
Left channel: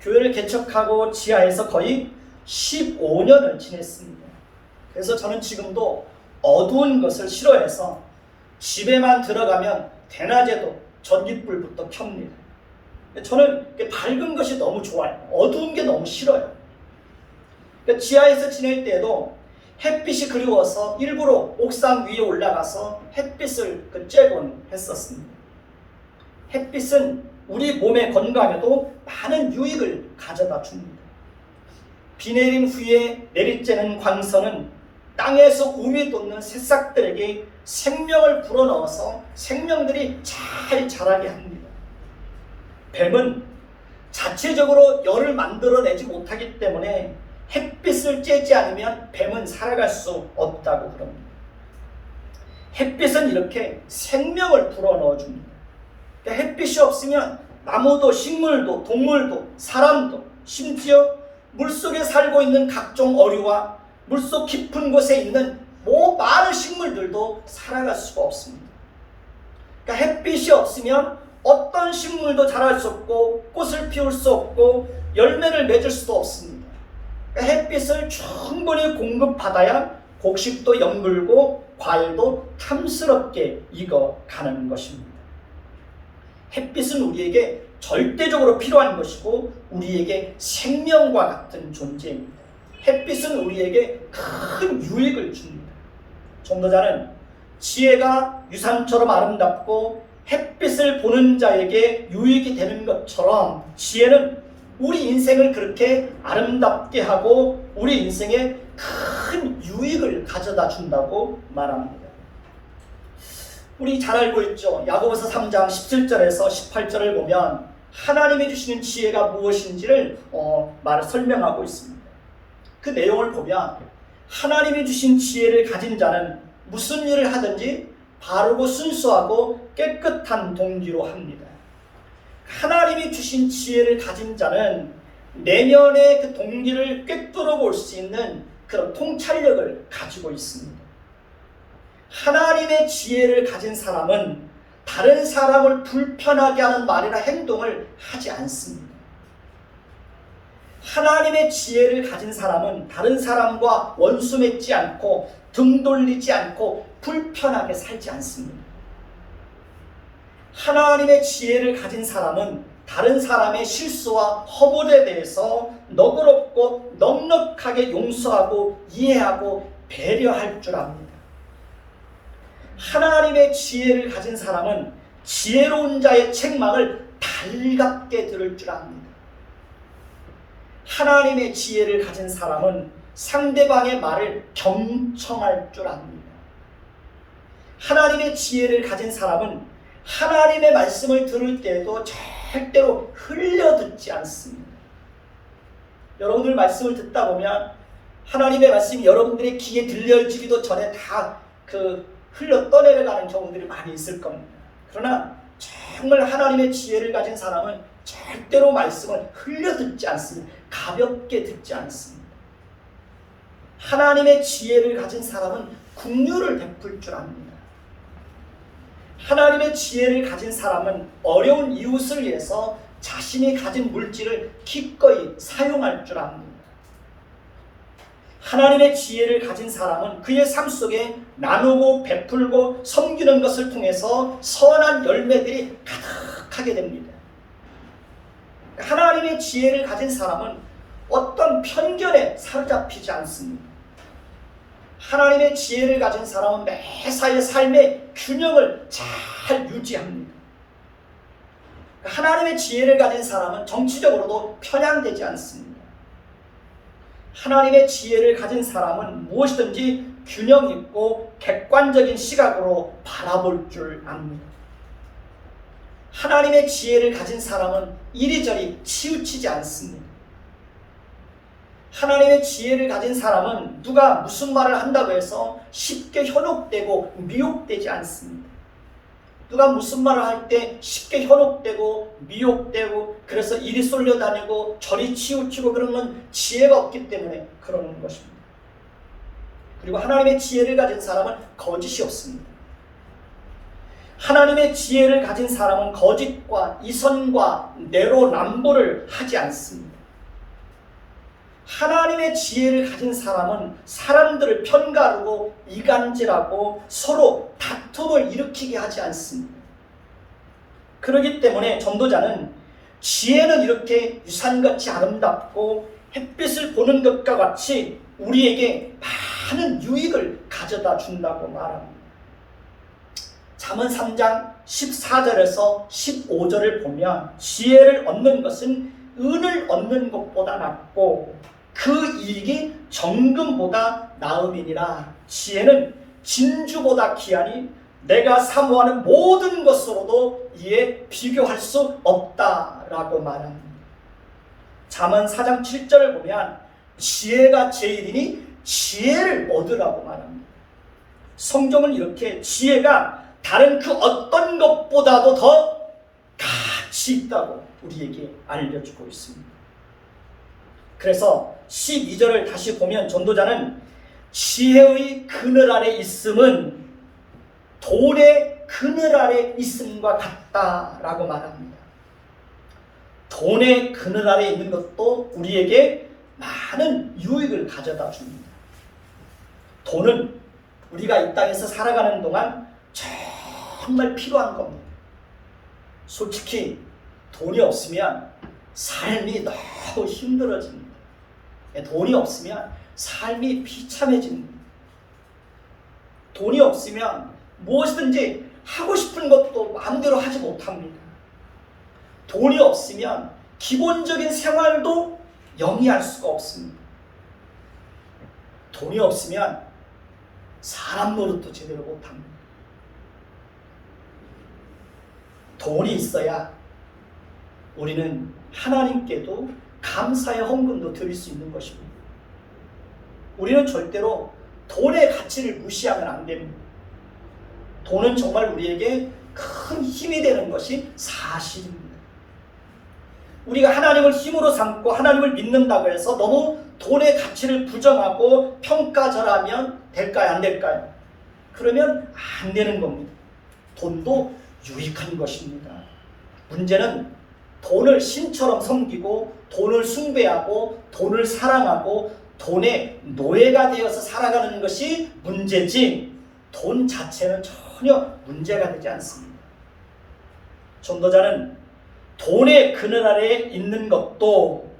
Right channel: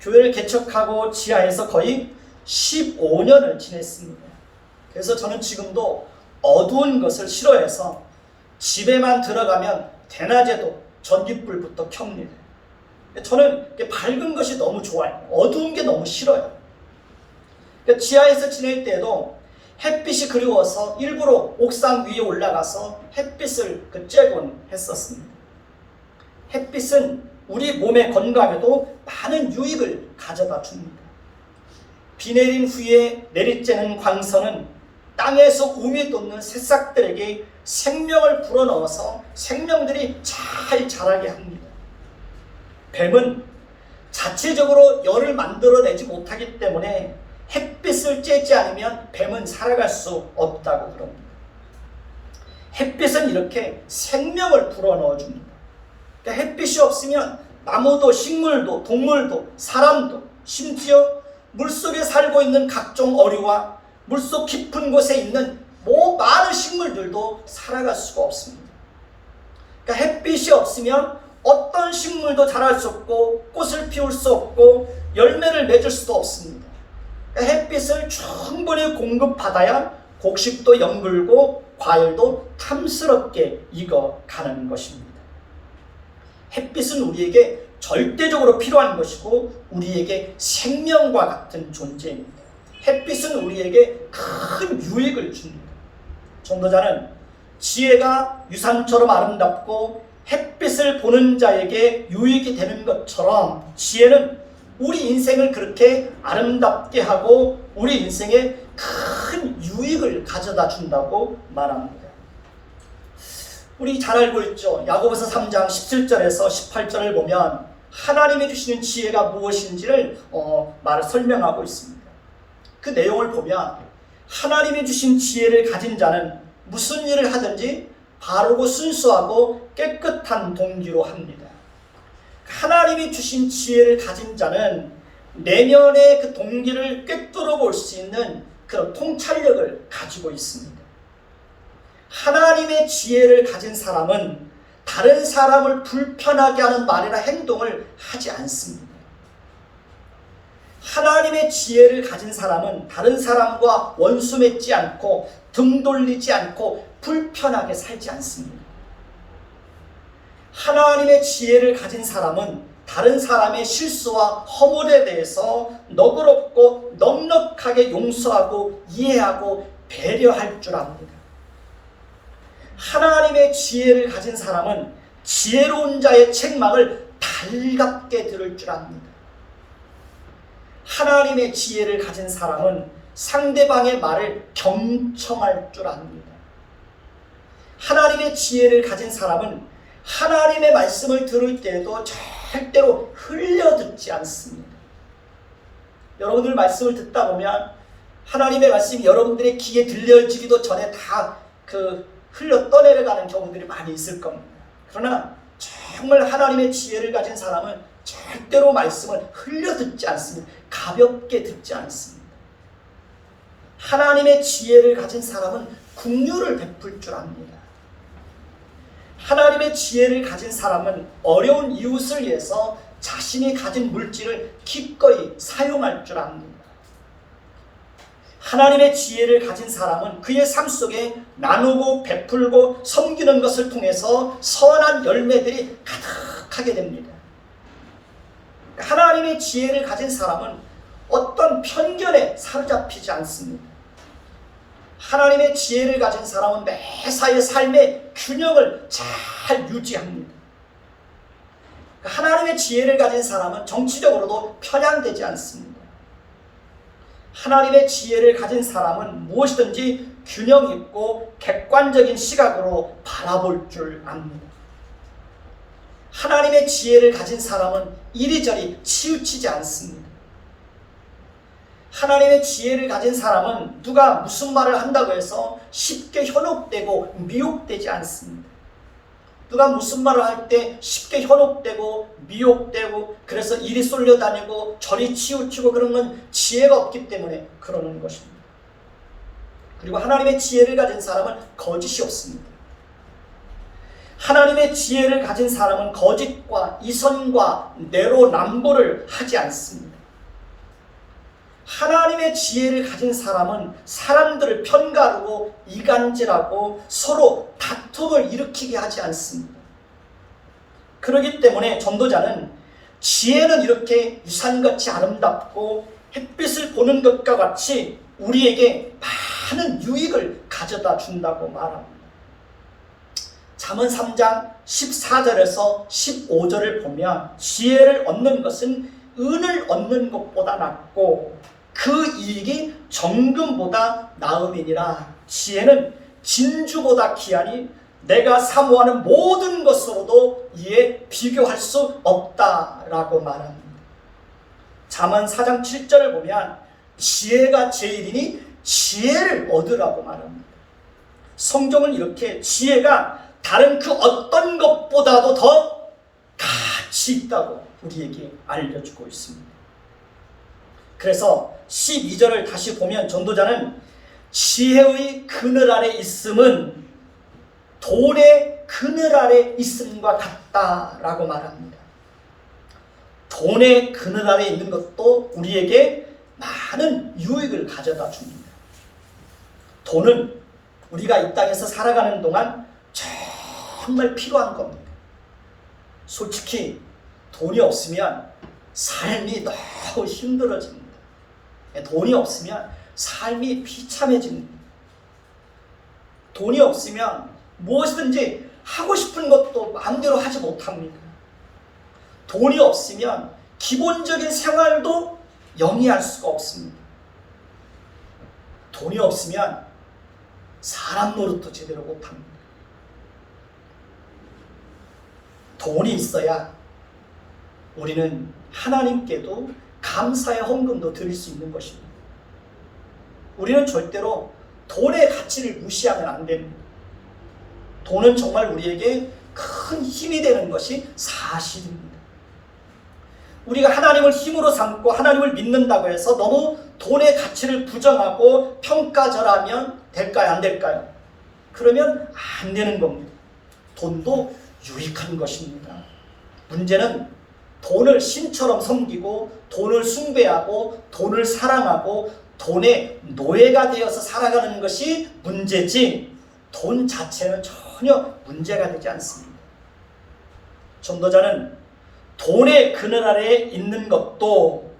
교회를 개척하고 지하에서 거의 15년을 지냈습니다. 그래서 저는 지금도 어두운 것을 싫어해서 집에만 들어가면 대낮에도 전깃불부터 켭니다. 저는 밝은 것이 너무 좋아요. 어두운 게 너무 싫어요. 지하에서 지낼 때도 햇빛이 그리워서 일부러 옥상 위에 올라가서 햇빛을 쬐곤 했었습니다. 햇빛은 우리 몸의 건강에도 많은 유익을 가져다 줍니다. 비 내린 후에 내리쬐는 광선은 땅에서 우미 돋는 새싹들에게 생명을 불어넣어서 생명들이 잘 자라게 합니다. 뱀은 자체적으로 열을 만들어내지 못하기 때문에 햇빛을 쬐지 않으면 뱀은 살아갈 수 없다고 그럽니다. 햇빛은 이렇게 생명을 불어넣어 줍니다. 그러니까 햇빛이 없으면 나무도 식물도 동물도 사람도 심지어 물속에 살고 있는 각종 어류와 물속 깊은 곳에 있는 많은 식물들도 살아갈 수가 없습니다. 그러니까 햇빛이 없으면 어떤 식물도 자랄 수 없고 꽃을 피울 수 없고 열매를 맺을 수도 없습니다. 그러니까 햇빛을 충분히 공급받아야 곡식도 연글고 과일도 탐스럽게 익어가는 것입니다. 햇빛은 우리에게 절대적으로 필요한 것이고 우리에게 생명과 같은 존재입니다. 햇빛은 우리에게 큰 유익을 줍니다. 전도자는 지혜가 유산처럼 아름답고 햇빛을 보는 자에게 유익이 되는 것처럼 지혜는 우리 인생을 그렇게 아름답게 하고 우리 인생에 큰 유익을 가져다 준다고 말합니다. 우리 잘 알고 있죠. 야고보서 3장 17절에서 18절을 보면 하나님이 주시는 지혜가 무엇인지를 설명하고 있습니다. 그 내용을 보면 하나님이 주신 지혜를 가진 자는 무슨 일을 하든지 바르고 순수하고 깨끗한 동기로 합니다. 하나님이 주신 지혜를 가진 자는 내면의 그 동기를 꿰뚫어 볼 수 있는 그런 통찰력을 가지고 있습니다. 하나님의 지혜를 가진 사람은 다른 사람을 불편하게 하는 말이나 행동을 하지 않습니다. 하나님의 지혜를 가진 사람은 다른 사람과 원수 맺지 않고 등 돌리지 않고 불편하게 살지 않습니다. 하나님의 지혜를 가진 사람은 다른 사람의 실수와 허물에 대해서 너그럽고 넉넉하게 용서하고 이해하고 배려할 줄 압니다. 하나님의 지혜를 가진 사람은 지혜로운 자의 책망을 달갑게 들을 줄 압니다. 하나님의 지혜를 가진 사람은 상대방의 말을 경청할 줄 압니다. 하나님의 지혜를 가진 사람은 하나님의 말씀을 들을 때에도 절대로 흘려듣지 않습니다. 여러분들 말씀을 듣다 보면 하나님의 말씀이 여러분들의 귀에 들려지기도 전에 다 흘러 떠내려가는 경우들이 많이 있을 겁니다. 그러나 정말 하나님의 지혜를 가진 사람은 절대로 말씀을 흘려듣지 않습니다. 가볍게 듣지 않습니다. 하나님의 지혜를 가진 사람은 긍휼을 베풀 줄 압니다. 하나님의 지혜를 가진 사람은 어려운 이웃을 위해서 자신이 가진 물질을 기꺼이 사용할 줄 압니다. 하나님의 지혜를 가진 사람은 그의 삶 속에 나누고 베풀고 섬기는 것을 통해서 선한 열매들이 가득하게 됩니다. 하나님의 지혜를 가진 사람은 어떤 편견에 사로잡히지 않습니다. 하나님의 지혜를 가진 사람은 매사의 삶의 균형을 잘 유지합니다. 하나님의 지혜를 가진 사람은 정치적으로도 편향되지 않습니다. 하나님의 지혜를 가진 사람은 무엇이든지 균형 있고 객관적인 시각으로 바라볼 줄 압니다. 하나님의 지혜를 가진 사람은 이리저리 치우치지 않습니다. 하나님의 지혜를 가진 사람은 누가 무슨 말을 한다고 해서 쉽게 현혹되고 미혹되지 않습니다. 누가 무슨 말을 할 때 쉽게 현혹되고 미혹되고 그래서 이리 쏠려다니고 저리 치우치고 그런 건 지혜가 없기 때문에 그러는 것입니다. 그리고 하나님의 지혜를 가진 사람은 거짓이 없습니다. 하나님의 지혜를 가진 사람은 거짓과 이선과 내로남불을 하지 않습니다. 하나님의 지혜를 가진 사람은 사람들을 편가르고 이간질하고 서로 다툼을 일으키게 하지 않습니다. 그렇기 때문에 전도자는 지혜는 이렇게 유산같이 아름답고 햇빛을 보는 것과 같이 우리에게 많은 유익을 가져다 준다고 말합니다. 잠언 3장 14절에서 15절을 보면 지혜를 얻는 것은 은을 얻는 것보다 낫고 그 이익이 정금보다 나음이니라. 지혜는 진주보다 귀하니 내가 사모하는 모든 것으로도 이에 비교할 수 없다라고 말합니다. 잠언 4장 7절을 보면 지혜가 제일이니 지혜를 얻으라고 말합니다. 성경은 이렇게 지혜가 다른 그 어떤 것보다도 더 가치 있다고 우리에게 알려주고 있습니다. 그래서 12절을 다시 보면 전도자는 지혜의 그늘 아래 있음은 돈의 그늘 아래 있음과 같다라고 말합니다. 돈의 그늘 아래 있는 것도 우리에게 많은 유익을 가져다 줍니다. 돈은 우리가 이 땅에서 살아가는 동안 정말 필요한 겁니다. 솔직히 돈이 없으면 삶이 너무 힘들어집니다. 돈이 없으면 삶이 비참해집니다. 돈이 없으면 무엇이든지 하고 싶은 것도 마음대로 하지 못합니다. 돈이 없으면 기본적인 생활도 영위할 수가 없습니다. 돈이 없으면 사람 노릇도 제대로 못합니다. 돈이 있어야 우리는 하나님께도 감사의 헌금도 드릴 수 있는 것입니다. 우리는 절대로 돈의 가치를 무시하면 안 됩니다. 돈은 정말 우리에게 큰 힘이 되는 것이 사실입니다. 우리가 하나님을 힘으로 삼고 하나님을 믿는다고 해서 너무 돈의 가치를 부정하고 평가절하면 될까요? 안 될까요? 그러면 안 되는 겁니다. 돈도 유익한 것입니다. 문제는 돈을 신처럼 섬기고 돈을 숭배하고 돈을 사랑하고 돈의 노예가 되어서 살아가는 것이 문제지 돈 자체는 전혀 문제가 되지 않습니다. 전도자는 돈의 그늘 아래에 있는 것도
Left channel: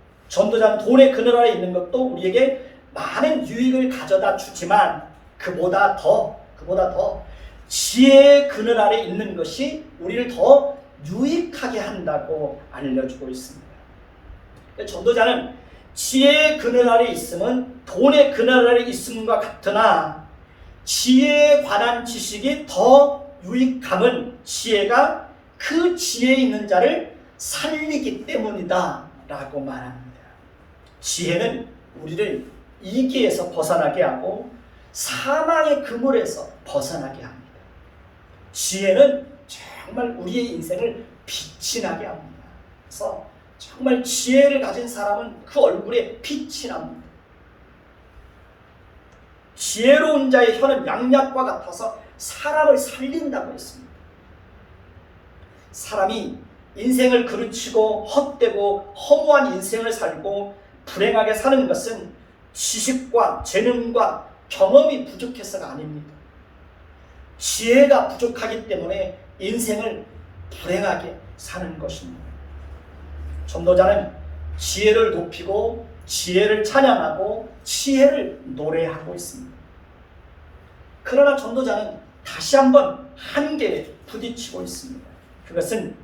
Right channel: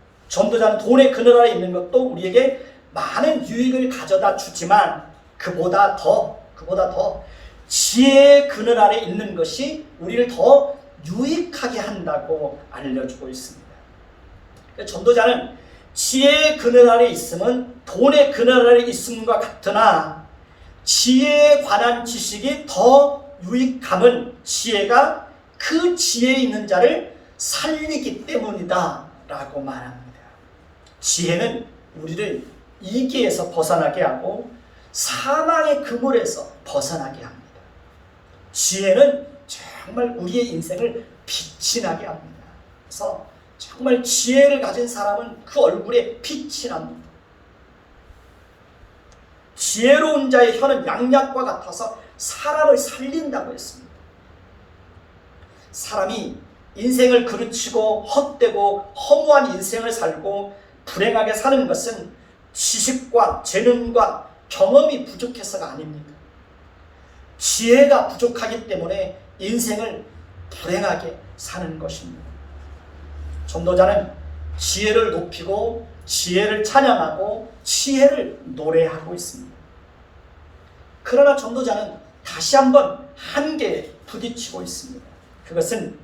우리에게 많은 유익을 가져다 주지만 그보다 더 지혜의 그늘 아래에 있는 것이 우리를 더 유익하게 한다고 알려주고 있습니다. 전도자는 지혜의 그늘 아래에 있으면 돈의 그늘 아래에 있음과 같으나 지혜에 관한 지식이 더 유익함은 지혜가 그 지혜에 있는 자를 살리기 때문이다 라고 말합니다. 지혜는 우리를 이기에서 벗어나게 하고 사망의 그물에서 벗어나게 합니다. 지혜는 정말 우리의 인생을 빛이 나게 합니다. 그래서 정말 지혜를 가진 사람은 그 얼굴에 빛이 납니다. 지혜로운 자의 혀는 양약과 같아서 사람을 살린다고 했습니다. 사람이 인생을 그르치고 헛되고 허무한 인생을 살고 불행하게 사는 것은 지식과 재능과 경험이 부족해서가 아닙니다. 지혜가 부족하기 때문에 인생을 불행하게 사는 것입니다. 전도자는 지혜를 높이고 지혜를 찬양하고 지혜를 노래하고 있습니다. 그러나 전도자는 다시 한번 한계에 부딪히고 있습니다. 그것은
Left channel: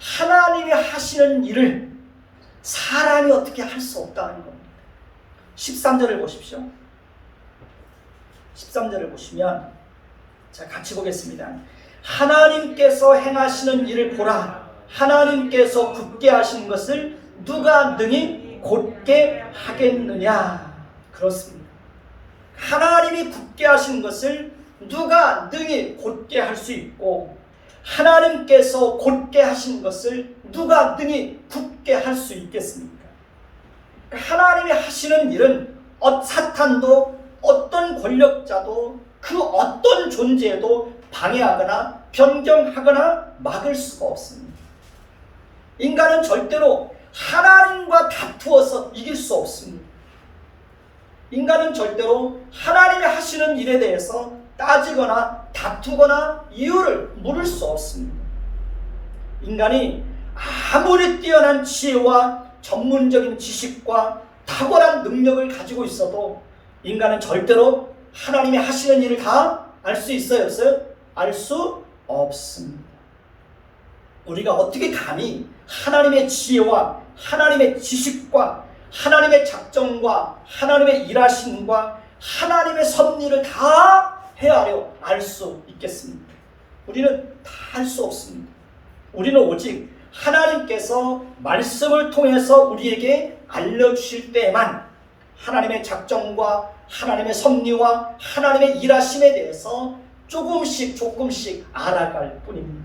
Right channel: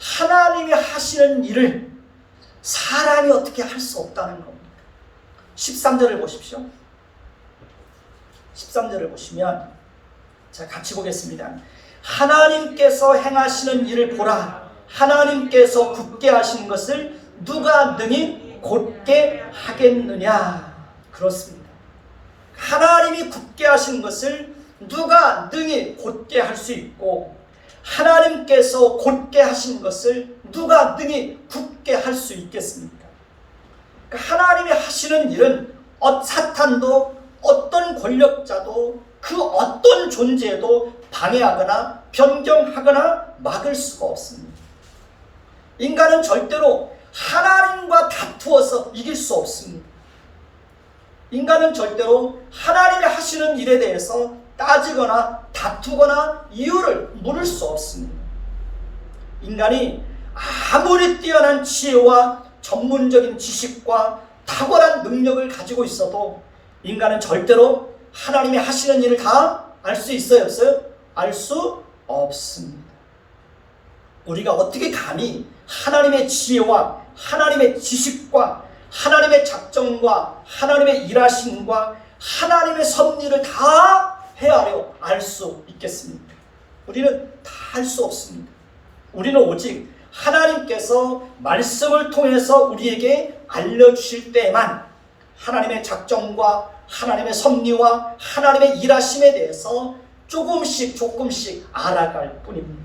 하나님이 하시는 일을 사람이 어떻게 할 수 없다는 겁니다. 13절을 보십시오. 13절을 보시면 자, 같이 보겠습니다. 하나님께서 행하시는 일을 보라. 하나님께서 굳게 하신 것을 누가 능히 곧게 하겠느냐. 그렇습니다. 하나님이 굳게 하신 것을 누가 능히 곧게 할 수 있고 하나님께서 곧게 하신 것을 누가 능히 굳게 할 수 있겠습니까? 하나님이 하시는 일은 사탄도 어떤 권력자도 그 어떤 존재도 방해하거나 변경하거나 막을 수가 없습니다. 인간은 절대로 하나님과 다투어서 이길 수 없습니다. 인간은 절대로 하나님이 하시는 일에 대해서 따지거나 다투거나 이유를 물을 수 없습니다. 인간이 아무리 뛰어난 지혜와 전문적인 지식과 탁월한 능력을 가지고 있어도 인간은 절대로 하나님이 하시는 일을 다 알 수 있어요? 없어요? 알 수 없습니다. 우리가 어떻게 감히 하나님의 지혜와 하나님의 지식과 하나님의 작정과 하나님의 일하심과 하나님의 섭리를 다 헤아려 알 수 있겠습니까? 우리는 다 할 수 없습니다. 우리는 오직 하나님께서 말씀을 통해서 우리에게 알려주실 때에만 하나님의 작정과 하나님의 섭리와 하나님의 일하심에 대해서 조금씩 알아갈 뿐입니다.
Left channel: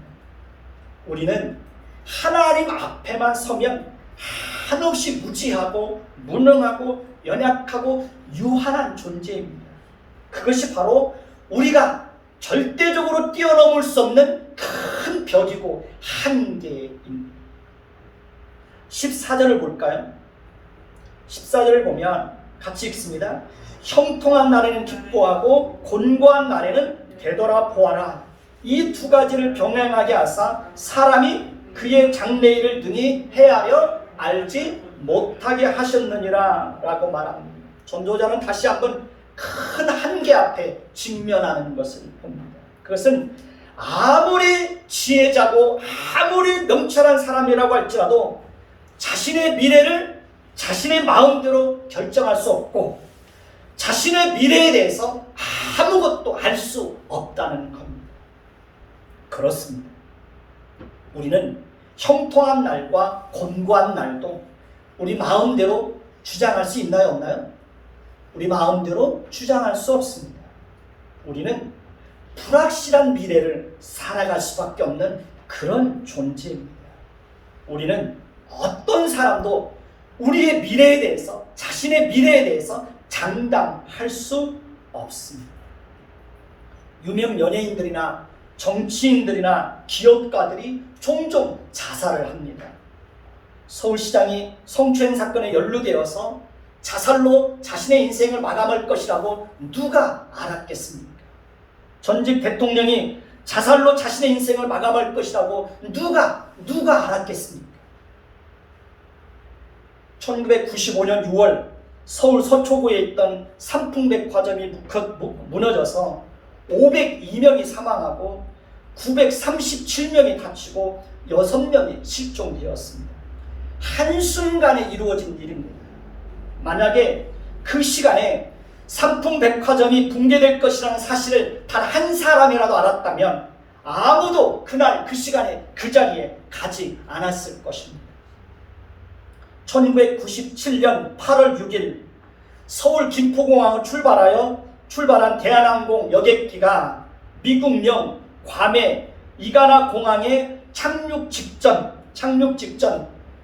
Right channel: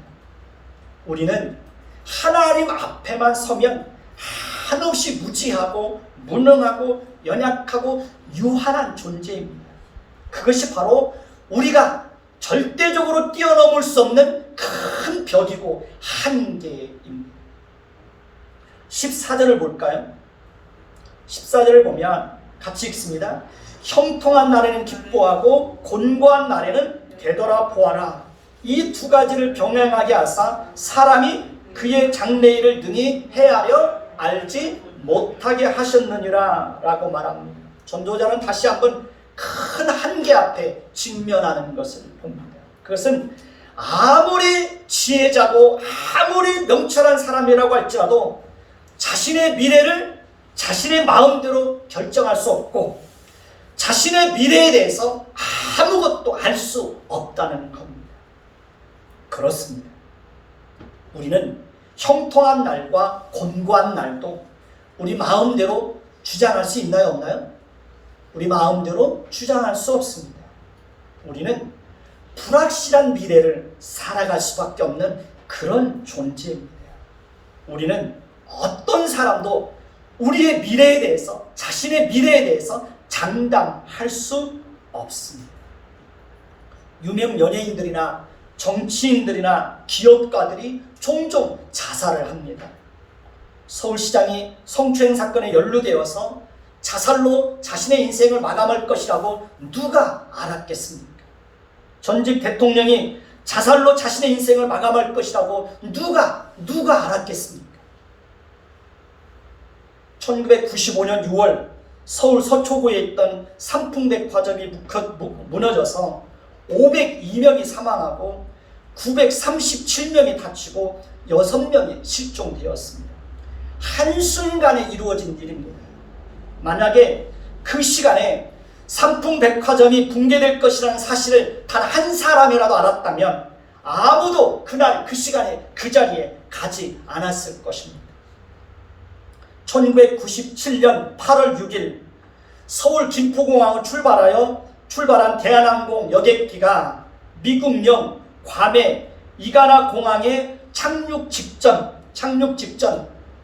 우리는 하나님 앞에만 서면 한없이 무지하고 무능하고 연약하고 유한한 존재입니다. 그것이 바로 우리가 절대적으로 뛰어넘을 수 없는 큰 벽이고 한계입니다. 14절을 볼까요? 14절을 보면 같이 읽습니다. 형통한 날에는 기뻐하고 곤고한 날에는 되돌아보아라. 이 두 가지를 병행하게 하사 사람이 그의 장래일을 능히 헤아려 알지 못하게 하셨느니라 라고 말합니다. 전도자는 다시 한번 큰 한계 앞에 직면하는 것을 봅니다. 그것은 아무리 지혜자고 아무리 명철한 사람이라고 할지라도 자신의 미래를 자신의 마음대로 결정할 수 없고 자신의 미래에 대해서 아무것도 알 수 없다는 겁니다. 그렇습니다. 우리는 형통한 날과 곤고한 날도 우리 마음대로 주장할 수 있나요? 없나요? 우리 마음대로 주장할 수 없습니다. 우리는 불확실한 미래를 살아갈 수밖에 없는 그런 존재입니다. 우리는 어떤 사람도 우리의 미래에 대해서 자신의 미래에 대해서 장담할 수 없습니다. 유명 연예인들이나 정치인들이나 기업가들이 종종 자살을 합니다. 서울시장이 성추행 사건에 연루되어서 자살로 자신의 인생을 마감할 것이라고 누가 알았겠습니까? 전직 대통령이 자살로 자신의 인생을 마감할 것이라고 누가 알았겠습니까? 1995년 6월 서울 서초구에 있던 삼풍백화점이 무너져서 502명이 사망하고 937명이 다치고 6명이 실종되었습니다. 한순간에 이루어진 일입니다. 만약에 그 시간에 삼풍백화점이 붕괴될 것이라는 사실을 단 한 사람이라도 알았다면 아무도 그날 그 시간에 그 자리에 가지 않았을 것입니다. 1997년 8월 6일 서울 김포공항을 출발한 대한항공 여객기가 미국령 괌의 이가나 공항에 착륙 직전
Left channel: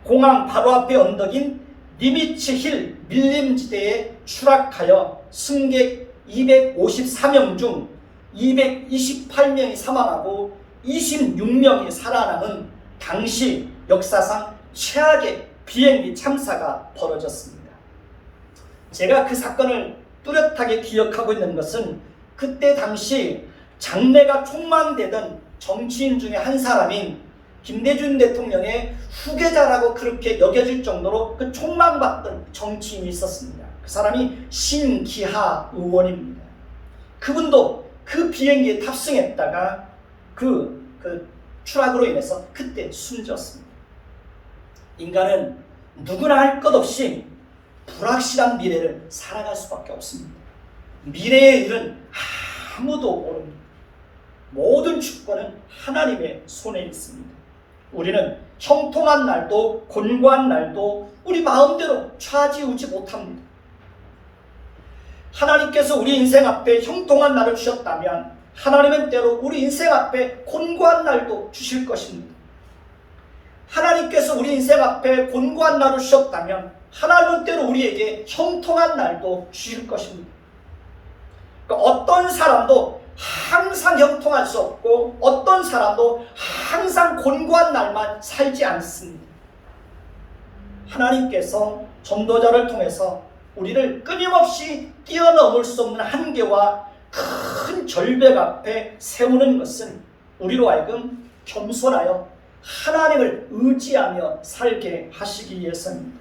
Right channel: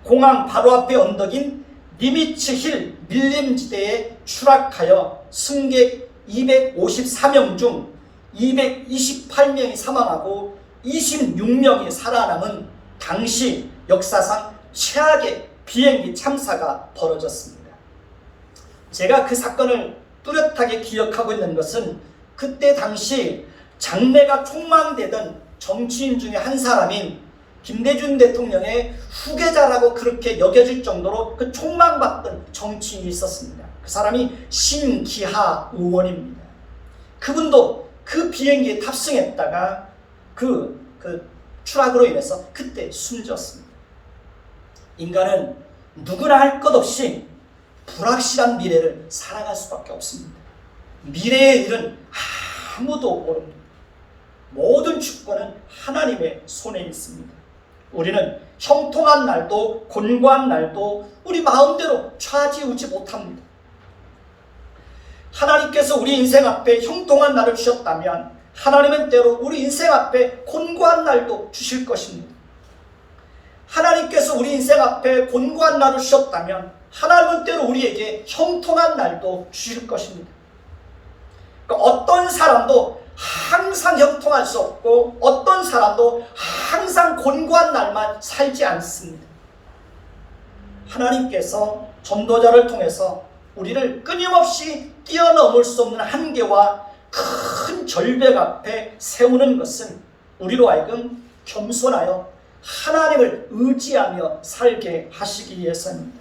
공항 바로 앞에 언덕인 니미츠 힐 밀림지대에 추락하여 승객 254명 중 228명이 사망하고 26명이 살아남은 당시 역사상 최악의 비행기 참사가 벌어졌습니다. 제가 그 사건을 뚜렷하게 기억하고 있는 것은 그때 당시 장래가 촉망되던 정치인 중에 한 사람인 김대중 대통령의 후계자라고 그렇게 여겨질 정도로 그 촉망받던 정치인이 있었습니다. 그 사람이 신기하 의원입니다. 그분도 그 비행기에 탑승했다가 그 추락으로 인해서 그때 숨졌습니다. 인간은 누구나 할 것 없이 불확실한 미래를 살아갈 수밖에 없습니다. 미래의 일은 아무도 모릅니다. 모든 주권은 하나님의 손에 있습니다. 우리는 형통한 날도 곤고한 날도 우리 마음대로 좌지우지 못합니다. 하나님께서 우리 인생 앞에 형통한 날을 주셨다면 하나님은 때로 우리 인생 앞에 곤고한 날도 주실 것입니다. 하나님께서 우리 인생 앞에 곤고한 날을 주셨다면 하나님은 때로 우리에게 형통한 날도 주실 것입니다. 그러니까 어떤 사람도 항상 형통할 수 없고 어떤 사람도 항상 곤고한 날만 살지 않습니다. 하나님께서 전도자를 통해서 우리를 끊임없이 뛰어넘을 수 없는 한계와 큰 절벽 앞에 세우는 것은 우리로 하여금 겸손하여 하나님을 의지하며 살게 하시기 위해서입니다.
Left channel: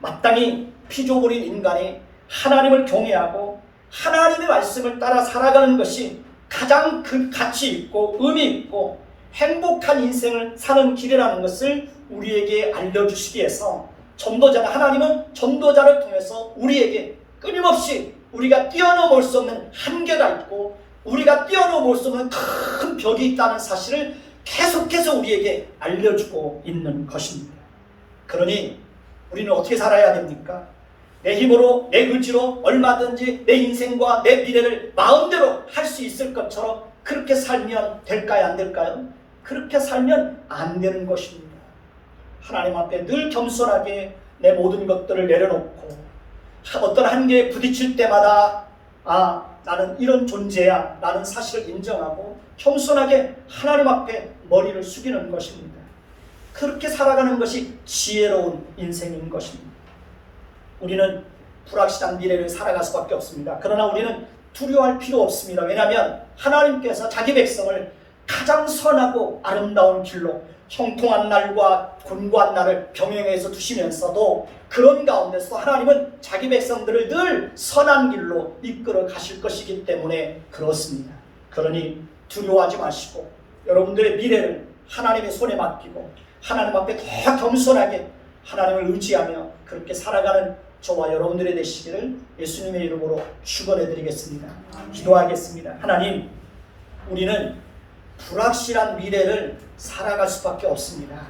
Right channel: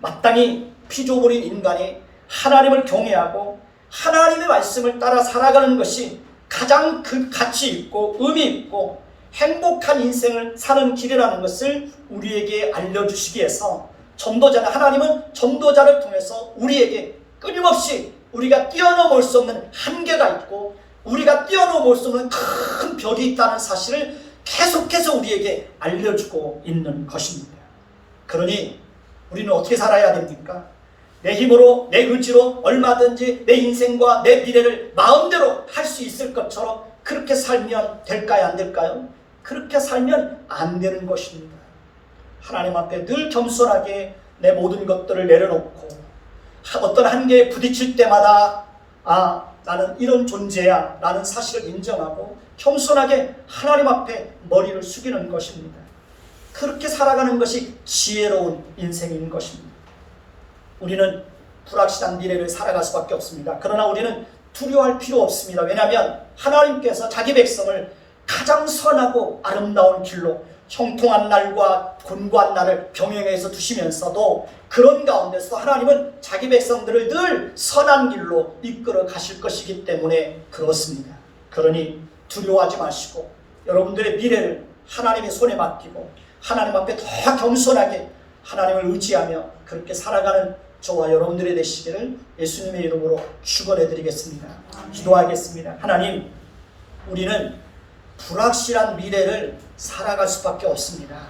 마땅히 피조물인 인간이 하나님을 경외하고 하나님의 말씀을 따라 살아가는 것이 가장 그 가치 있고 의미 있고 행복한 인생을 사는 길이라는 것을 우리에게 알려주시기 위해서 하나님은 전도자를 통해서 우리에게 끊임없이 우리가 뛰어넘을 수 없는 한계가 있고 우리가 뛰어넘을 수 없는 큰 벽이 있다는 사실을 계속해서 우리에게 알려주고 있는 것입니다. 그러니 우리는 어떻게 살아야 됩니까? 내 힘으로 내 의지로 얼마든지 내 인생과 내 미래를 마음대로 할 수 있을 것처럼 그렇게 살면 될까요? 안 될까요? 그렇게 살면 안 되는 것입니다. 하나님 앞에 늘 겸손하게 내 모든 것들을 내려놓고 어떤 한계에 부딪힐 때마다 나는 이런 존재야 라는 사실을 인정하고 겸손하게 하나님 앞에 머리를 숙이는 것입니다. 그렇게 살아가는 것이 지혜로운 인생인 것입니다. 우리는 불확실한 미래를 살아갈 수밖에 없습니다. 그러나 우리는 두려워할 필요 없습니다. 왜냐하면 하나님께서 자기 백성을 가장 선하고 아름다운 길로 형통한 날과 곤고한 날을 병행해서 두시면서도 그런 가운데서 하나님은 자기 백성들을 늘 선한 길로 이끌어 가실 것이기 때문에 그렇습니다. 그러니 두려워하지 마시고 여러분들의 미래를 하나님의 손에 맡기고 하나님 앞에 더 겸손하게 하나님을 의지하며 그렇게 살아가는 저와 여러분들이 되시기를 예수님의 이름으로 축원해 드리겠습니다. 기도하겠습니다. 하나님, 우리는 불확실한 미래를 살아갈 수밖에 없습니다.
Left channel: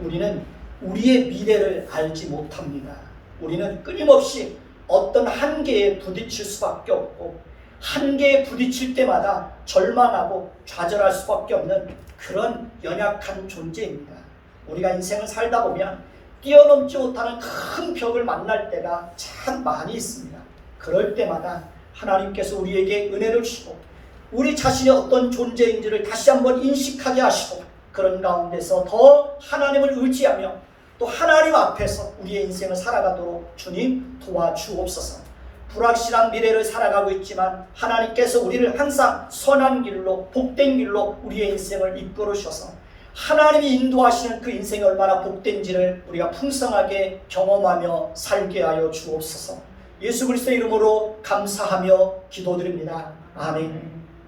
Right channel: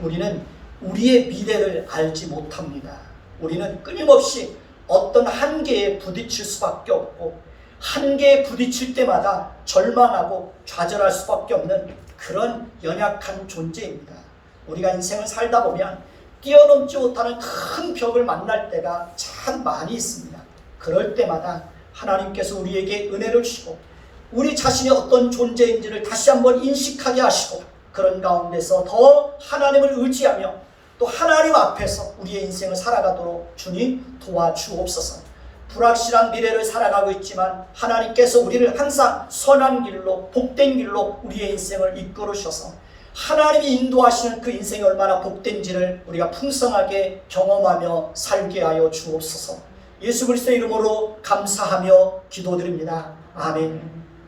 우리는 우리의 미래를 알지 못합니다. 우리는 끊임없이 어떤 한계에 부딪힐 수밖에 없고 한계에 부딪힐 때마다 절망하고 좌절할 수밖에 없는 그런 연약한 존재입니다. 우리가 인생을 살다 보면 뛰어넘지 못하는 큰 벽을 만날 때가 참 많이 있습니다. 그럴 때마다 하나님께서 우리에게 은혜를 주시고 우리 자신이 어떤 존재인지를 다시 한번 인식하게 하시고 그런 가운데서 더 하나님을 의지하며 또 하나님 앞에서 우리의 인생을 살아가도록 주님 도와주옵소서. 불확실한 미래를 살아가고 있지만 하나님께서 우리를 항상 선한 길로 복된 길로 우리의 인생을 이끌으셔서 하나님이 인도하시는 그 인생이 얼마나 복된지를 우리가 풍성하게 경험하며 살게 하여 주옵소서. 예수 그리스도의 이름으로 감사하며 기도드립니다. 아멘.